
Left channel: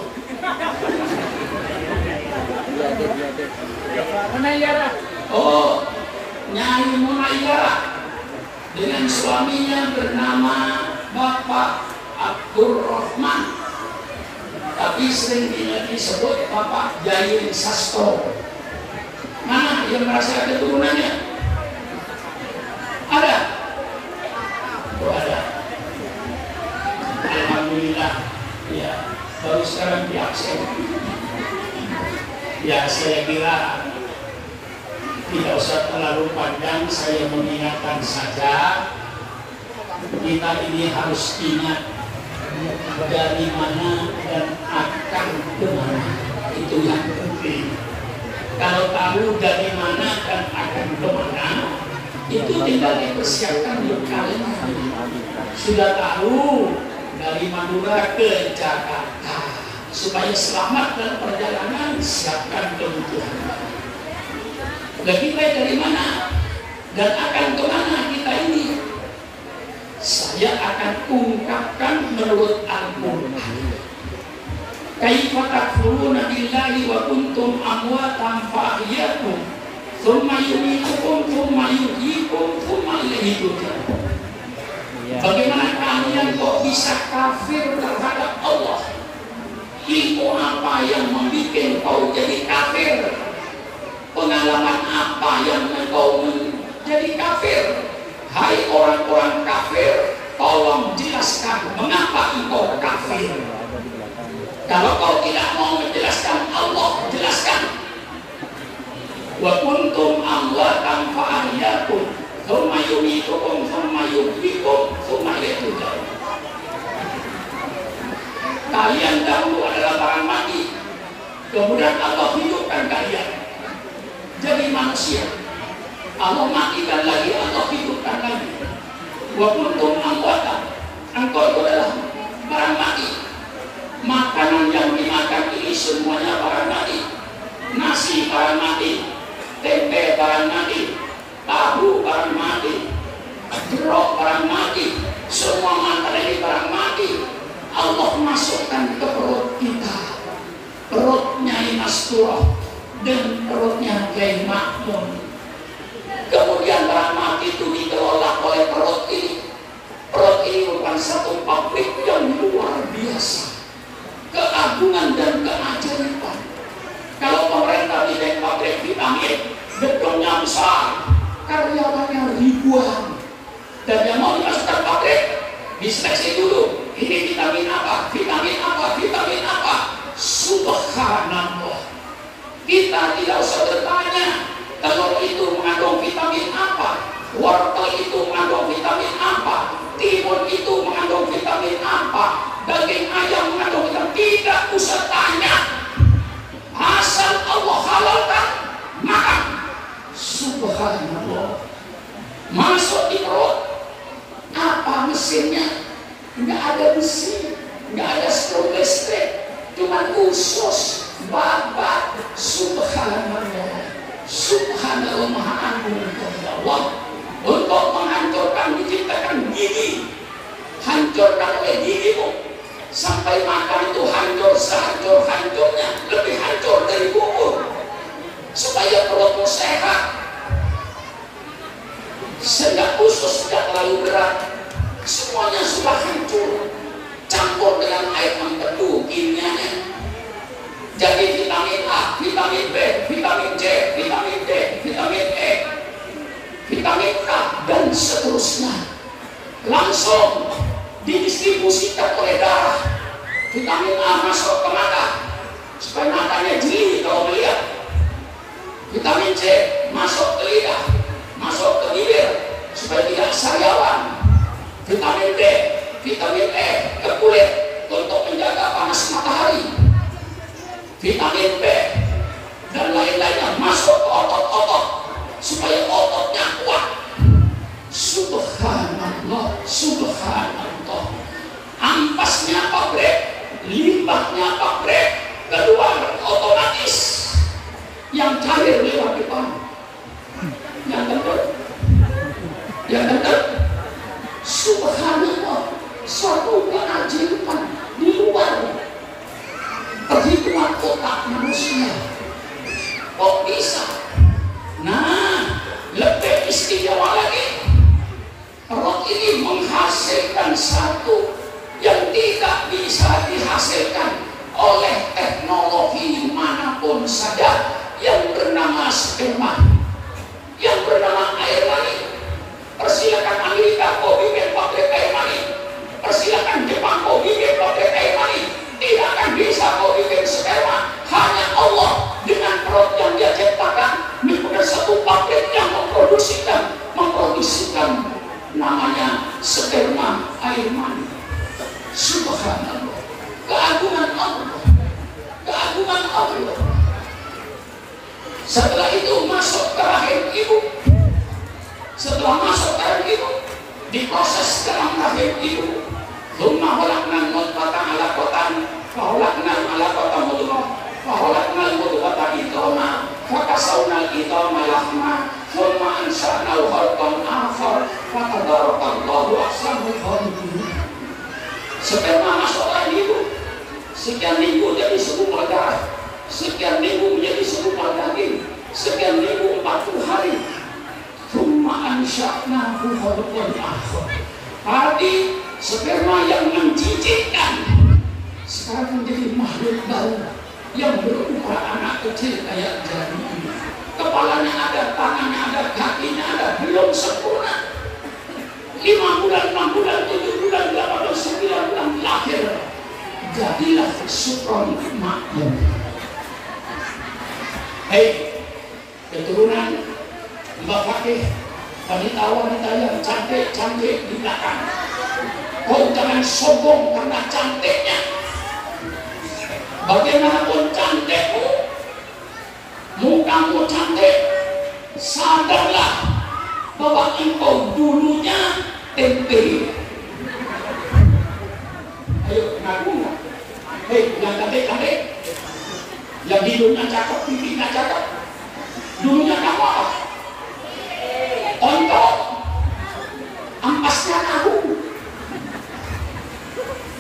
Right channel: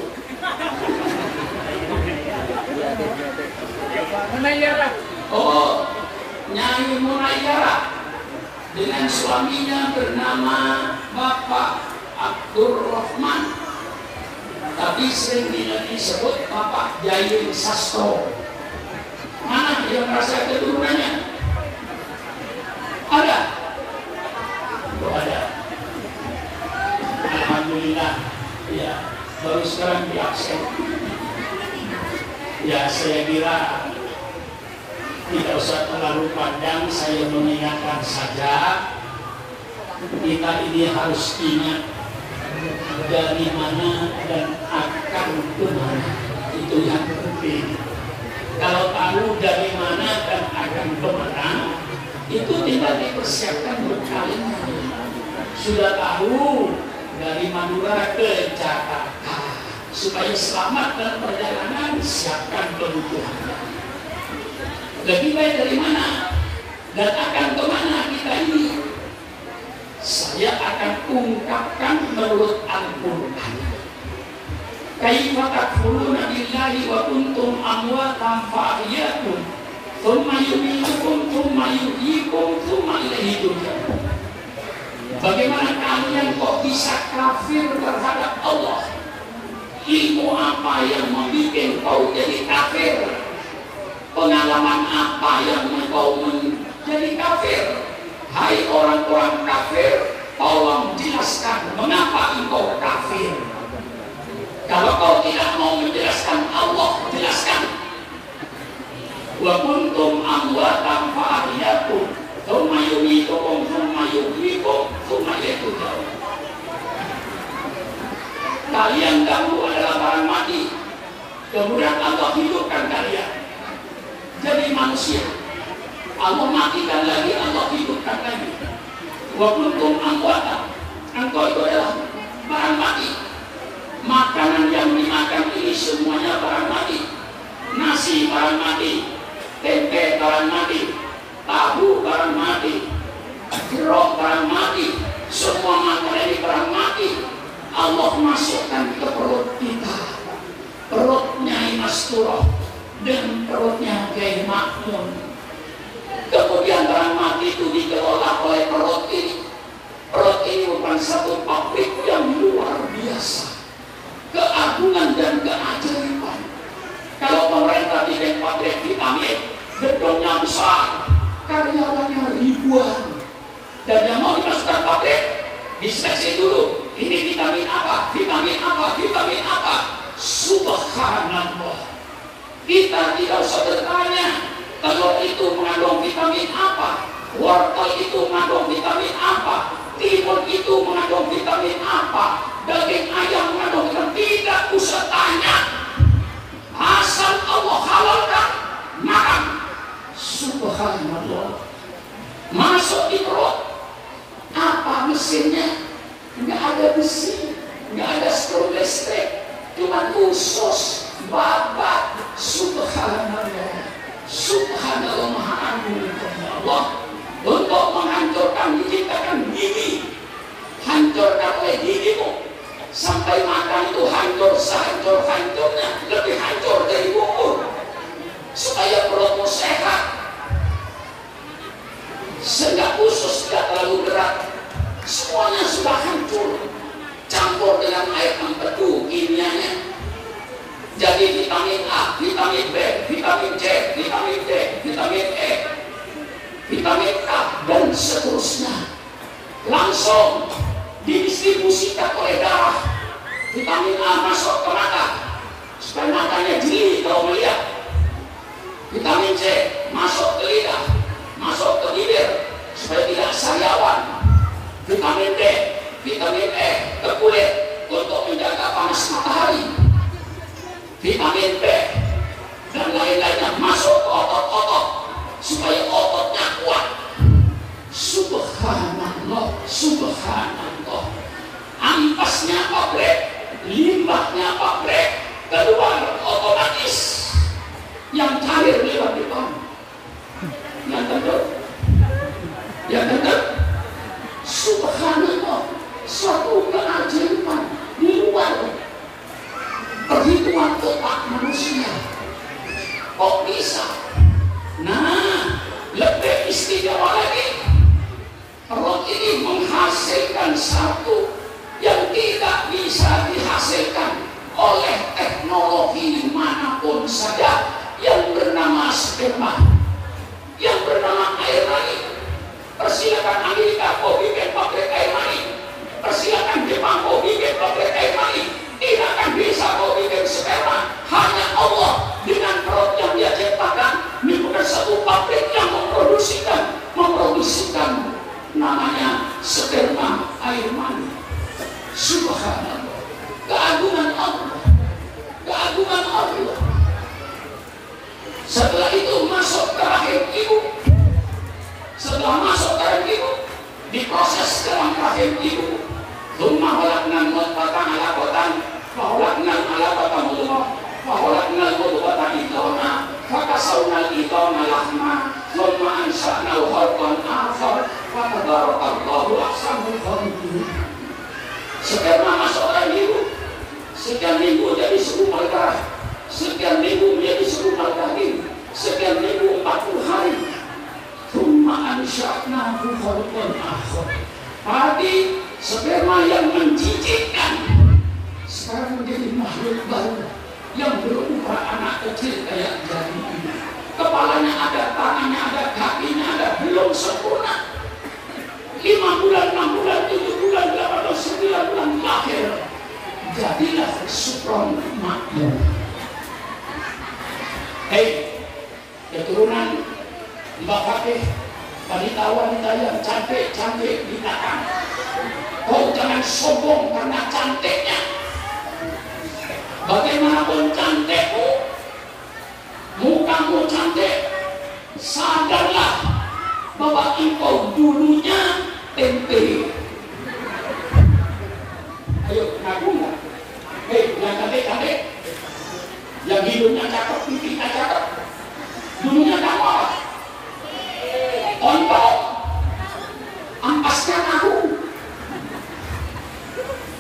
Oh, Nyai Munayyara dengan suaminya bernama Bapak Abdul Rahman, tapi sering disebut Bapak Yayin Sastro. Mana yang merasa keturunannya? Ada? Oh, ada. Alhamdulillah. Ya, baru sekarang diaksen. Ya, saya kira tidak usah terlalu panjang, saya mengingatkan saja, kita ini harus ingat dari mana dan akan kemana. Itu yang penting. Kalau tahu dari mana dan akan kemana, itu tinggal dipersiapkan bekalnya. Sudah tahu dari Madura ke Jakarta, supaya selamat dan perjalanan, siapkan kebutuhan. Dan kita dari mana dan akan kemana kita ini, saya akan ungkapkan menurut Al-Quran. Kaifa takfuruna billahi wa kuntum amwatan fa ahyakum thumma yumitukum thumma yuhyikum thumma ilaihi turja'un. Bagaimana kalian kok bisa kafir terhadap Allah? Ilmu apa yang membuat kau jadi kafir? Pengalaman apa yang engkau menjadi kafir? Hai orang-orang kafir, tolong jelaskan mengapa engkau kafir. Kalau kau tidak mau menjelaskan, Allah jelaskan. Wa kuntum amwatan fa ahyakum tsumma yumitukum tsumma yuhyikum tsumma ilaihi turja'un. Kalian dahulu adalah barang mati, kemudian Allah hidupkan kalian jadi manusia. Allah matikan lagi, Allah hidupkan lagi. Wa kuntum amwatan, engkau itu adalah barang mati. Makanan yang dimakan ini semuanya barang mati. Nasi barang mati, tempe barang mati, tahu barang mati, jeruk barang mati, semua makanan ini barang mati. Allah masukkan ke perut kita, perutnya Masturah dan perutnya Kiai Makmun. Kemudian barang mati itu dikelola oleh perut ini. Perut ini bukan satu pabrik yang luar biasa, keagungan dan keajaiban. Kalau pemerintah bikin pabrik vitamin, gedungnya besar, karyawannya ribuan, dan yang mau dimasukkan pabrik diseleksi dulu. Ini vitamin apa? Vitamin apa? Vitamin apa? Subhanallah. Kita tidak usah bertanya kalau itu mengandung vitamin apa, wortel itu mengandung vitamin apa, timun itu mengandung vitamin apa, daging ayam mengandung vitamin. Tidak usah tanya. Asal Allah halalkan, makan. Subhanallah. Masuk di perut, apa mesinnya? Nggak ada besi, nggak ada strom listrik, cuma usus, babat. Subhanallah. Subhanallah, maha agung Allah untuk menghancurkan, diciptakan gigi, hancurkan oleh gigimu sampai makan itu hancur sehancur-hancurnya, lebih hancur dari bubur, supaya perutmu sehat sehingga usus tidak terlalu berat. Semuanya sudah hancur, campur dengan air empedu kimianya. Jadi vitamin A, vitamin B, vitamin C, vitamin D, vitamin E, vitamin K, dan seterusnya langsung didistribusikan oleh darah. Vitamin A masuk ke mata supaya matanya jeli kalau melihat. Vitamin C masuk ke lidah, masuk ke bibir supaya tidak sariawan. Vitamin D, vitamin E ke kulit untuk menjaga panas matahari. Vitamin B dan lain-lainnya masuk ke otot-otot supaya ototnya kuat. Subhanallah, subhanallah. Ampasnya pabrik, limbahnya pabrik, keluar otomatis. Yang cair lewat depan. Yang benar, yang benar. Subhanallah, suatu keajaiban di luar perhitungan otak manusia. Kok bisa? Nah, lebih istimewa lagi, perut ini menghasilkan satu yang tidak bisa dihasilkan oleh teknologi manapun saja, yang bernama sperma, yang bernama air mani. Persilakan Amerika kau bikin pabrik air mani, persilakan Jepang kau bikin pabrik air mani, tidak akan bisa kau bikin sperma. Hanya Allah dengan perut yang dia ciptakan, ini bukan satu pabrik yang memproduksikan namanya sperma air mani. Subhanallah, keagungan Allah, keagungan Allah. Setelah itu masuk ke rahim ibu. Setelah masuk ke rahim ibu, diproses dalam rahim ibu. Thumma khalaqnal nutfata 'alaqatan, fa khalaqnal 'alaqata mudghah, fa khalaqnal mudghata idghama, fa kasawnal idghama lahma, thumma ansha'nahu khalqan akhar, fa tabarakallahu ahsanul khaliqin. Sperma masuk ke rahim ibu, sekian minggu jadi segumpal darah, sekian minggu menjadi segumpal daging, sekian minggu 40 hari. Thumma ansha'nahu khalqan akhar. Tadi sperma yang menjijikkan sekarang menjadi makhluk baru yang berupa anak kecil kayak jari ini. Kepalanya ada, tangannya ada, kakinya ada, belum sempurna. 5 bulan, 6 bulan, 7 jadilah sukron makmum. Hei, keturunan Mbak Fakih, wanita-wanita yang cantik-cantik di belakang, kau jangan sombong karena cantiknya. Bagaimanapun cantikmu, mukamu cantik, sadarlah bahwa engkau dulunya tempe. Ayo, ngaku nggak? Hei, yang cantik-cantik, yang hidungnya cakep, pipinya cakep, dulunya kamu apa? Ontok, ampaskan aku.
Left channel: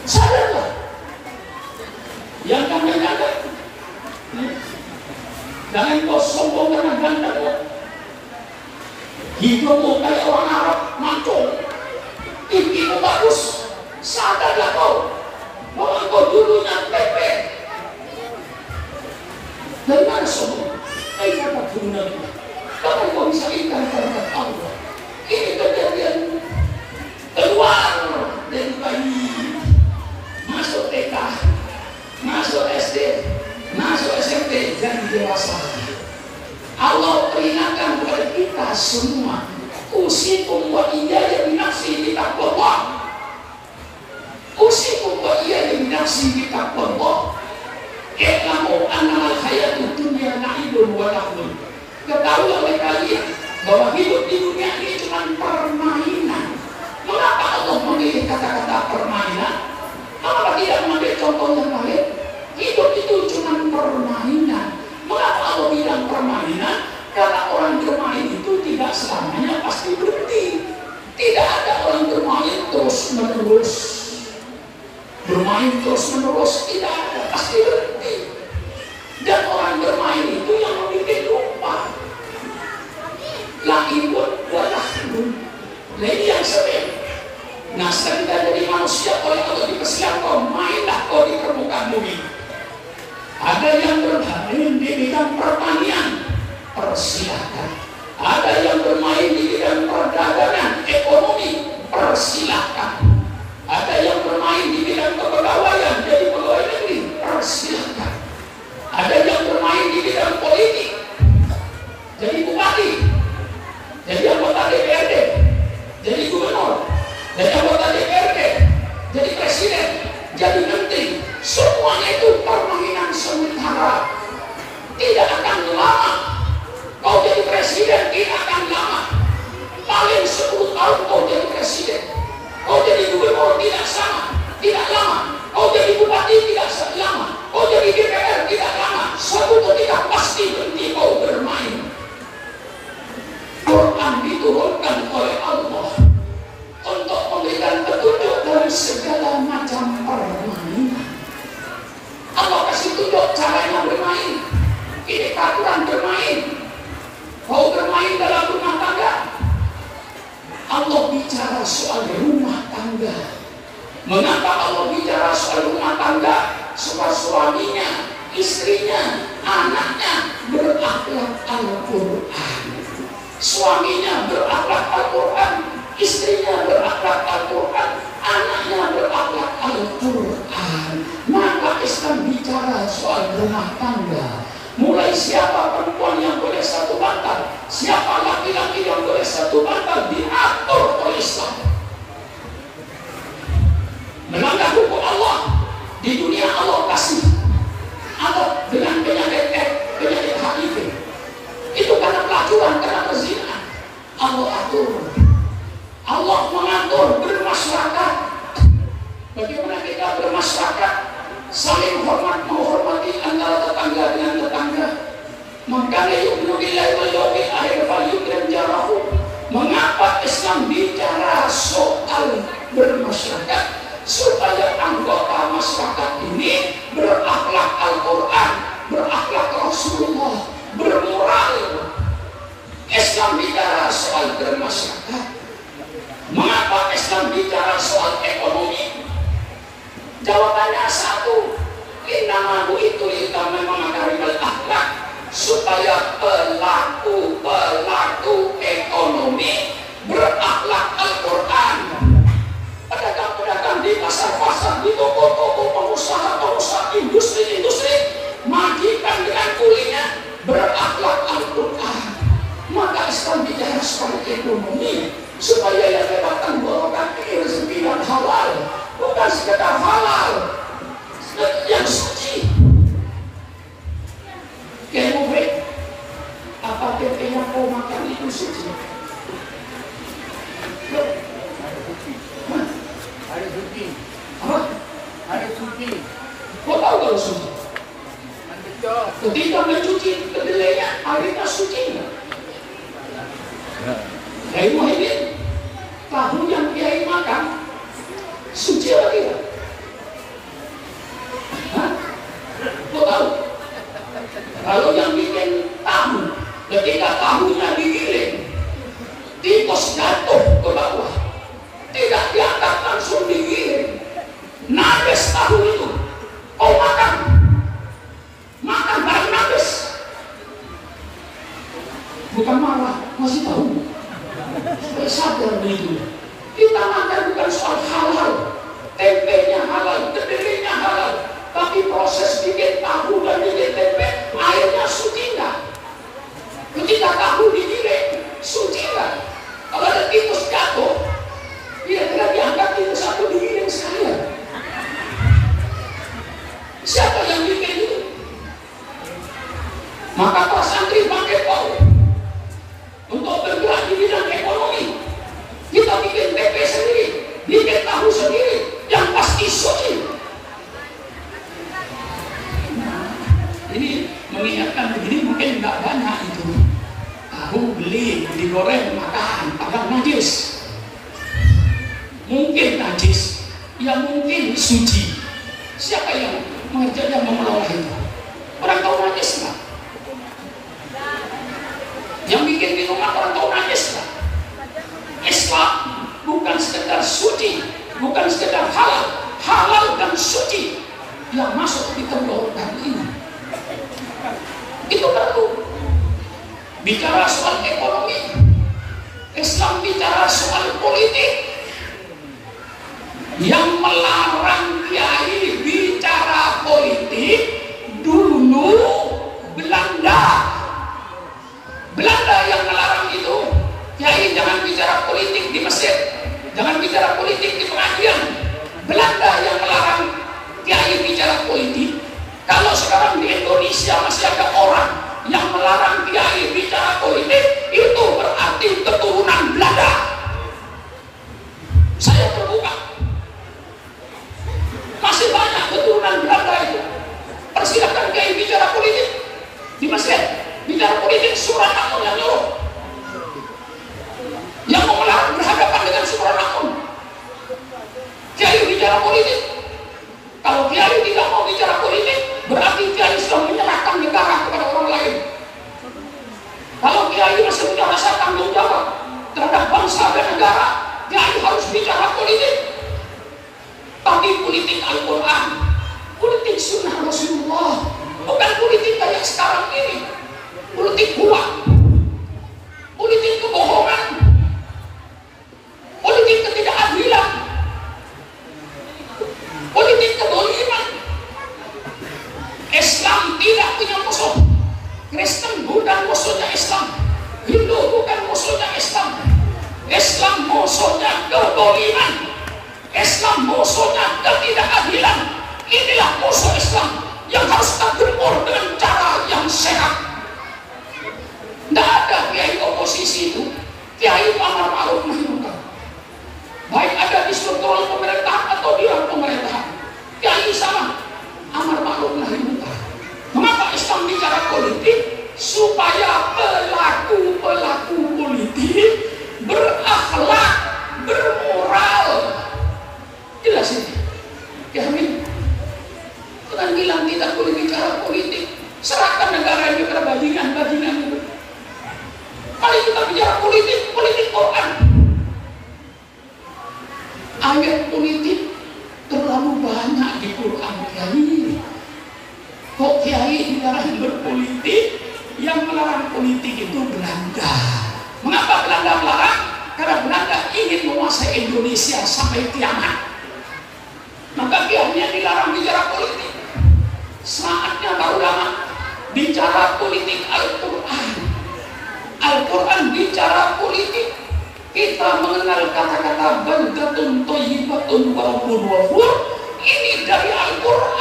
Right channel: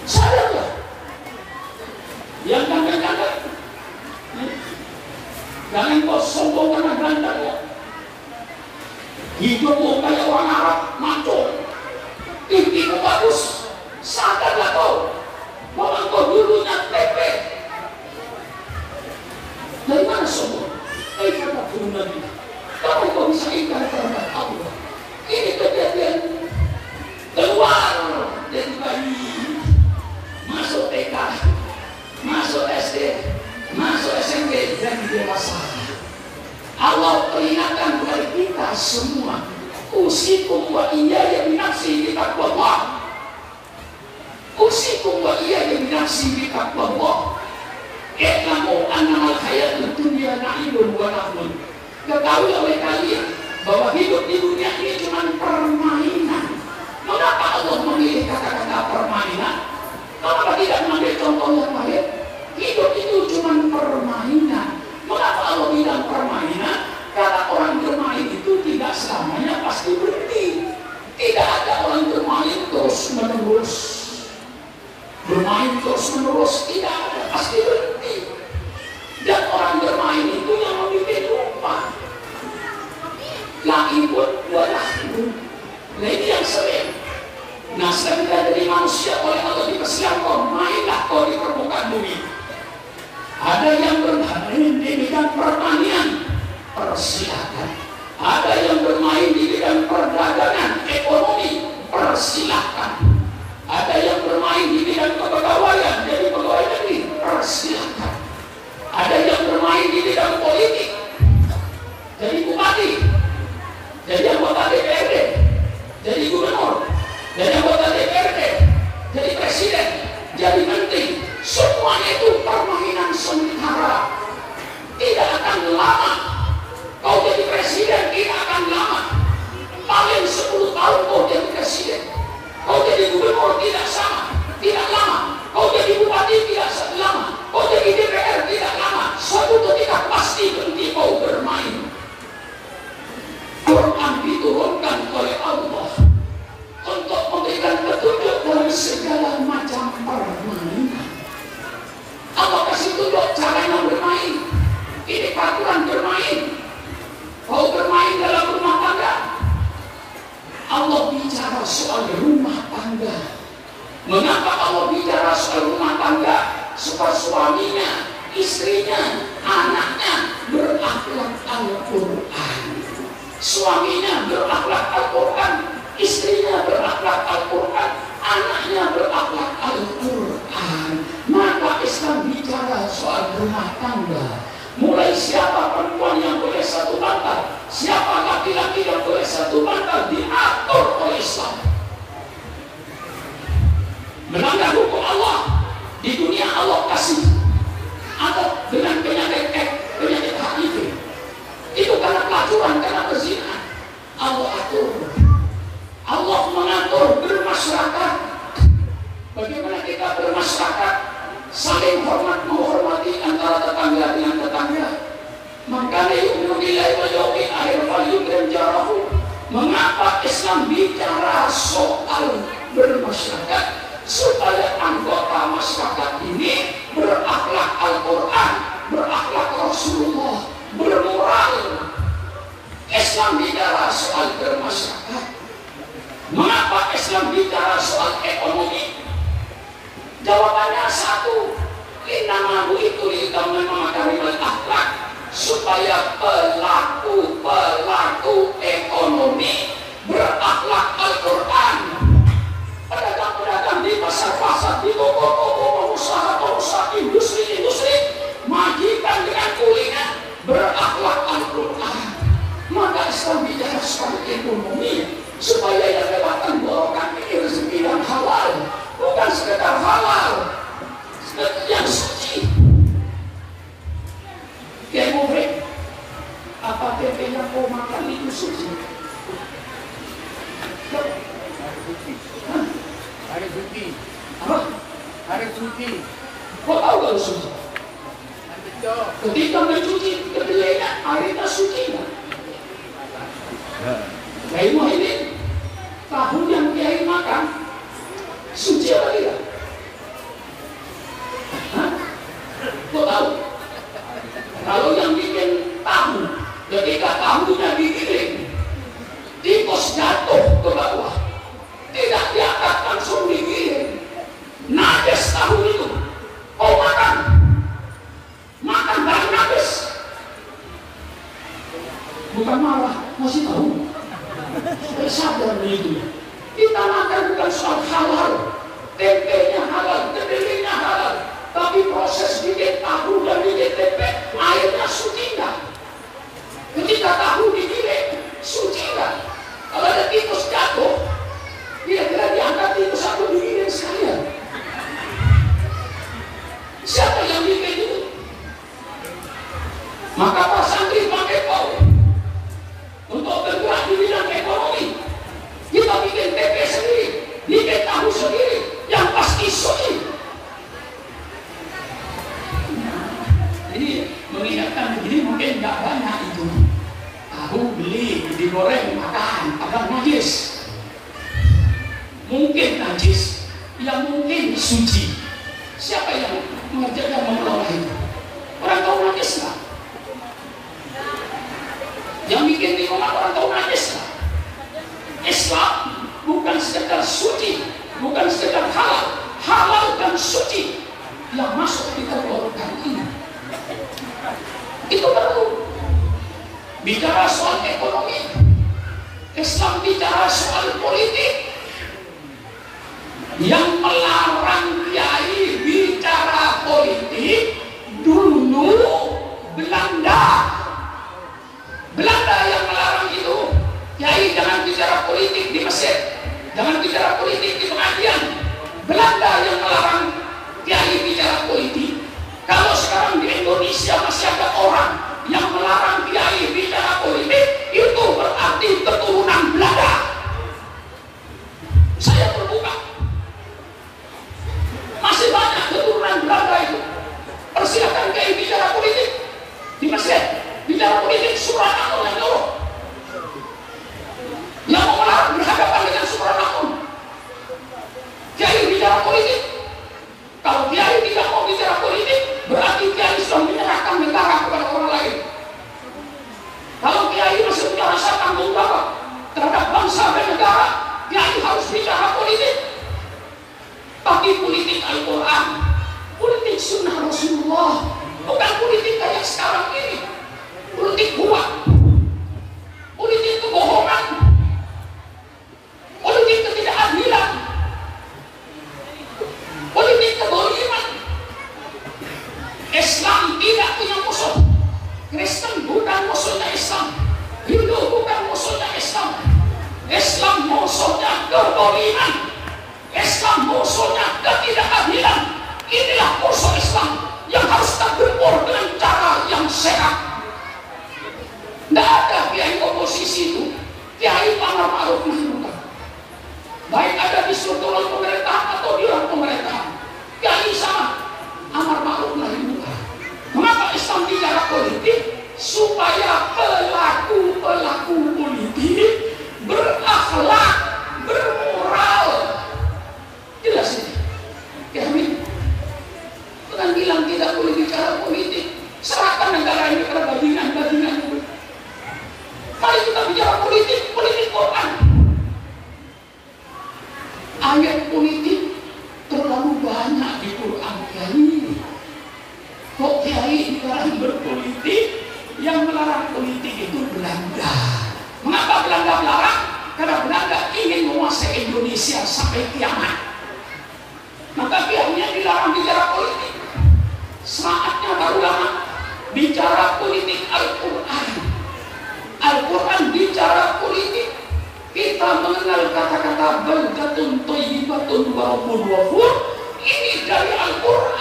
Sadarlah. Yang ganteng-ganteng, jangan kau sombong karena ganteng. Hidungmu kayak orang Arab, mancung, pipimu bagus. Sadarlah kau bahwa kau dulunya tepe. Jangan sombong. Kata turunan ini, kamu kau bisa ikan terhadap Allah. Ini kejadian keluar dari bayi, masuk TK, masuk SD, masuk SMP, dan dewasa. Allah peringatkan kepada kita semua, usikum wa iyaya binafsi bitaqwallah. Usikum wa iyaya binafsi bitaqwallah. I'lamu annamal hayatud dunya la'ibun wa lahwun. Ketahui oleh kalian bahwa hidup di dunia ini cuma permainan. Mengapa Allah memilih kata-kata permainan? Kenapa tidak mengambil contoh yang lain? Hidup itu cuma permainan. Mengapa Allah bilang permainan? Karena orang bermain itu tidak selamanya pasti berhenti. Tidak ada orang bermain terus menerus. Bermain terus menerus tidak ada, pasti berhenti. Dan orang bermain itu yang memiliki lupa. Lahibun walahibun. Nah ini yang sering. Nah ketika jadi manusia oleh Allah dikasihkan kau, mainlah kau di permukaan bumi. Ada yang bermain di bidang pertanian, persilahkan. Ada yang bermain di bidang perdagangan, ekonomi, persilahkan. Ada yang bermain di bidang kepegawaian, jadi pegawai negeri, persilahkan. Ada yang bermain di bidang politik, jadi bupati, jadi anggota DPRD, jadi gubernur, jadi anggota DPRD, jadi presiden, jadi menteri. Semuanya itu permainan sementara. Tidak akan lama. Kau jadi presiden, tidak akan lama. Paling 10 tahun kau jadi presiden. Kau jadi gubernur tidak sama, tidak lama. Kau jadi bupati tidak lama. Kau jadi DPR tidak lama. Suatu ketika pasti berhenti kau bermain. Quran diturunkan oleh Allah untuk memberikan petunjuk dari segala macam permainan. Allah kasih tunjuk caranya bermain. Ini peraturan bermain. Kau bermain dalam rumah tangga. Allah bicara soal rumah tangga. Mengapa Allah bicara soal rumah tangga? Supaya suaminya, istrinya, anaknya berakhlak Al-Quran. Suaminya berakhlak Al-Quran, istrinya berakhlak Al-Quran, anaknya berakhlak Al-Quran. Maka Islam bicara soal rumah tangga. Mulai siapa perempuan yang boleh satu bantal, siapa laki-laki yang boleh satu bantal, diatur oleh Islam. Melanggar hukum Allah di dunia Allah kasih. Atau dengan penyakit HIV, itu karena pelacuran, karena perzinahan. Allah atur. Allah mengatur bermasyarakat. Bagaimana kita bermasyarakat? Saling hormat menghormati antara tetangga dengan tetangga. Maka yu'minu billahi wal yawmil akhir falyukrim jarahu. Mengapa Islam bicara soal bermasyarakat? Supaya anggota masyarakat ini berakhlak Al-Quran, berakhlak Rasulullah, bermoral. Islam bicara soal bermasyarakat. Mengapa Islam bicara soal ekonomi? Jawabannya satu, innamahu itu litaman makarimul akhlak, supaya pelaku ekonomi berakhlak Al-Quran. Pedagang-pedagang di pasar-pasar, di toko-toko pengusaha Kau tahu kalau suci? Ketika mencuci kedelainya, airnya suci nggak? Kiai Muhyiddin, tahu yang Kiai makan suci apa tidak? Hah? Kau tahu? Kalau yang bikin tahu, ketika tahunya digiling, tikus jatuh ke bawah, tidak diangkat, langsung digiling, najis tahu itu. Kau makan tahu najis, bukan marah, masih tahu. Supaya sadar begitu. Kita makan bukan soal halal, tempenya halal, kedelainya halal, tapi proses bikin tahu dan bikin tempe, airnya suci nggak? Ketika tahu digiling, suci nggak? Kalau ada tikus jatuh, kira-kira diangkat tikus atau digiling sekalian? Siapa yang bikin itu? Maka Pak Santri pakai pau untuk bergerak di bidang ekonomi. Kita bikin tempe sendiri, bikin tahu sendiri, yang pasti suci. Ini mengingatkan begini, mungkin nggak banyak itu. Tahu beli, digoreng, makan, agak najis. Mungkin najis, ya mungkin suci. Siapa yang mengerjakan, yang mengelola itu? Orang tahu najis nggak? Yang bikin di rumah orang tahu najis nggak? Islam bukan sekedar suci, bukan sekedar halal dan suci yang masuk di tenggorokan ini. Itu baru bicara soal ekonomi. Islam bicara soal politik. Yang melarang kiai bicara politik dulu Belanda yang melarang itu. Kiai jangan bicara politik di Mesir, jangan bicara politik di pengajian. Belanda yang melarang kiai bicara politik. Kalau sekarang di Indonesia masih ada orang yang melarang kiai bicara politik, itu berarti keturunan Belanda. Saya terbuka, masih banyak keturunan Belanda itu. Persilakan kiai bicara politik di Mesir, bicara politik. Sukarno yang nyuruh, yang mau melarang berhadapan dengan Sukarno. Kiai bicara politik. Kalau kiai tidak mau bicara politik, berarti kiai sudah menyerahkan negara kepada orang lain. Kalau kiai masih punya rasa tanggung jawab terhadap bangsa dan negara, kiai harus bicara politik. Tapi politik Al-Quran, politik sunnah Rasulullah, bukan politik kayak sekarang ini. Politik buang, politik kebohongan, politik ketidakadilan, politik keboliman. Islam tidak punya musuh. Kristen bukan musuhnya Islam, Hindu bukan musuhnya Islam. Islam musuhnya keboliman, Islam musuhnya ketidakadilan. Inilah musuh Islam yang harus kita gempur dengan cara yang sehat. Tidak ada kiai oposisi itu, kiai amar ma'ruf nahi munkar. Baik ada di struktural pemerintahan atau di luar pemerintahan, kiai sama amar ma'ruf nahi munkar. Mengapa Islam bicara politik? Supaya pelaku politik berakhlak, bermoral. Jelas ini. Ya amin. Jangan bilang tidak boleh bicara politik. Serahkan negara ini kepada bajingan-bajingan itu. Mari kita bicara politik Quran. Ayat politik terlalu banyak di Quran, kiai. Kok kiai dilarang berpolitik? Yang melarang politik itu Belanda. Mengapa Belanda melarang? Karena Belanda ingin menguasai Indonesia sampai kiamat. Maka kiainya dilarang bicara politik. Saatnya baru lama bicara politik Al-Quran. Al-Quran bicara politik. Kita mengenal kata-kata baldatun thayyibatun wa rabbun ghafur. Ini dari Al-Quran.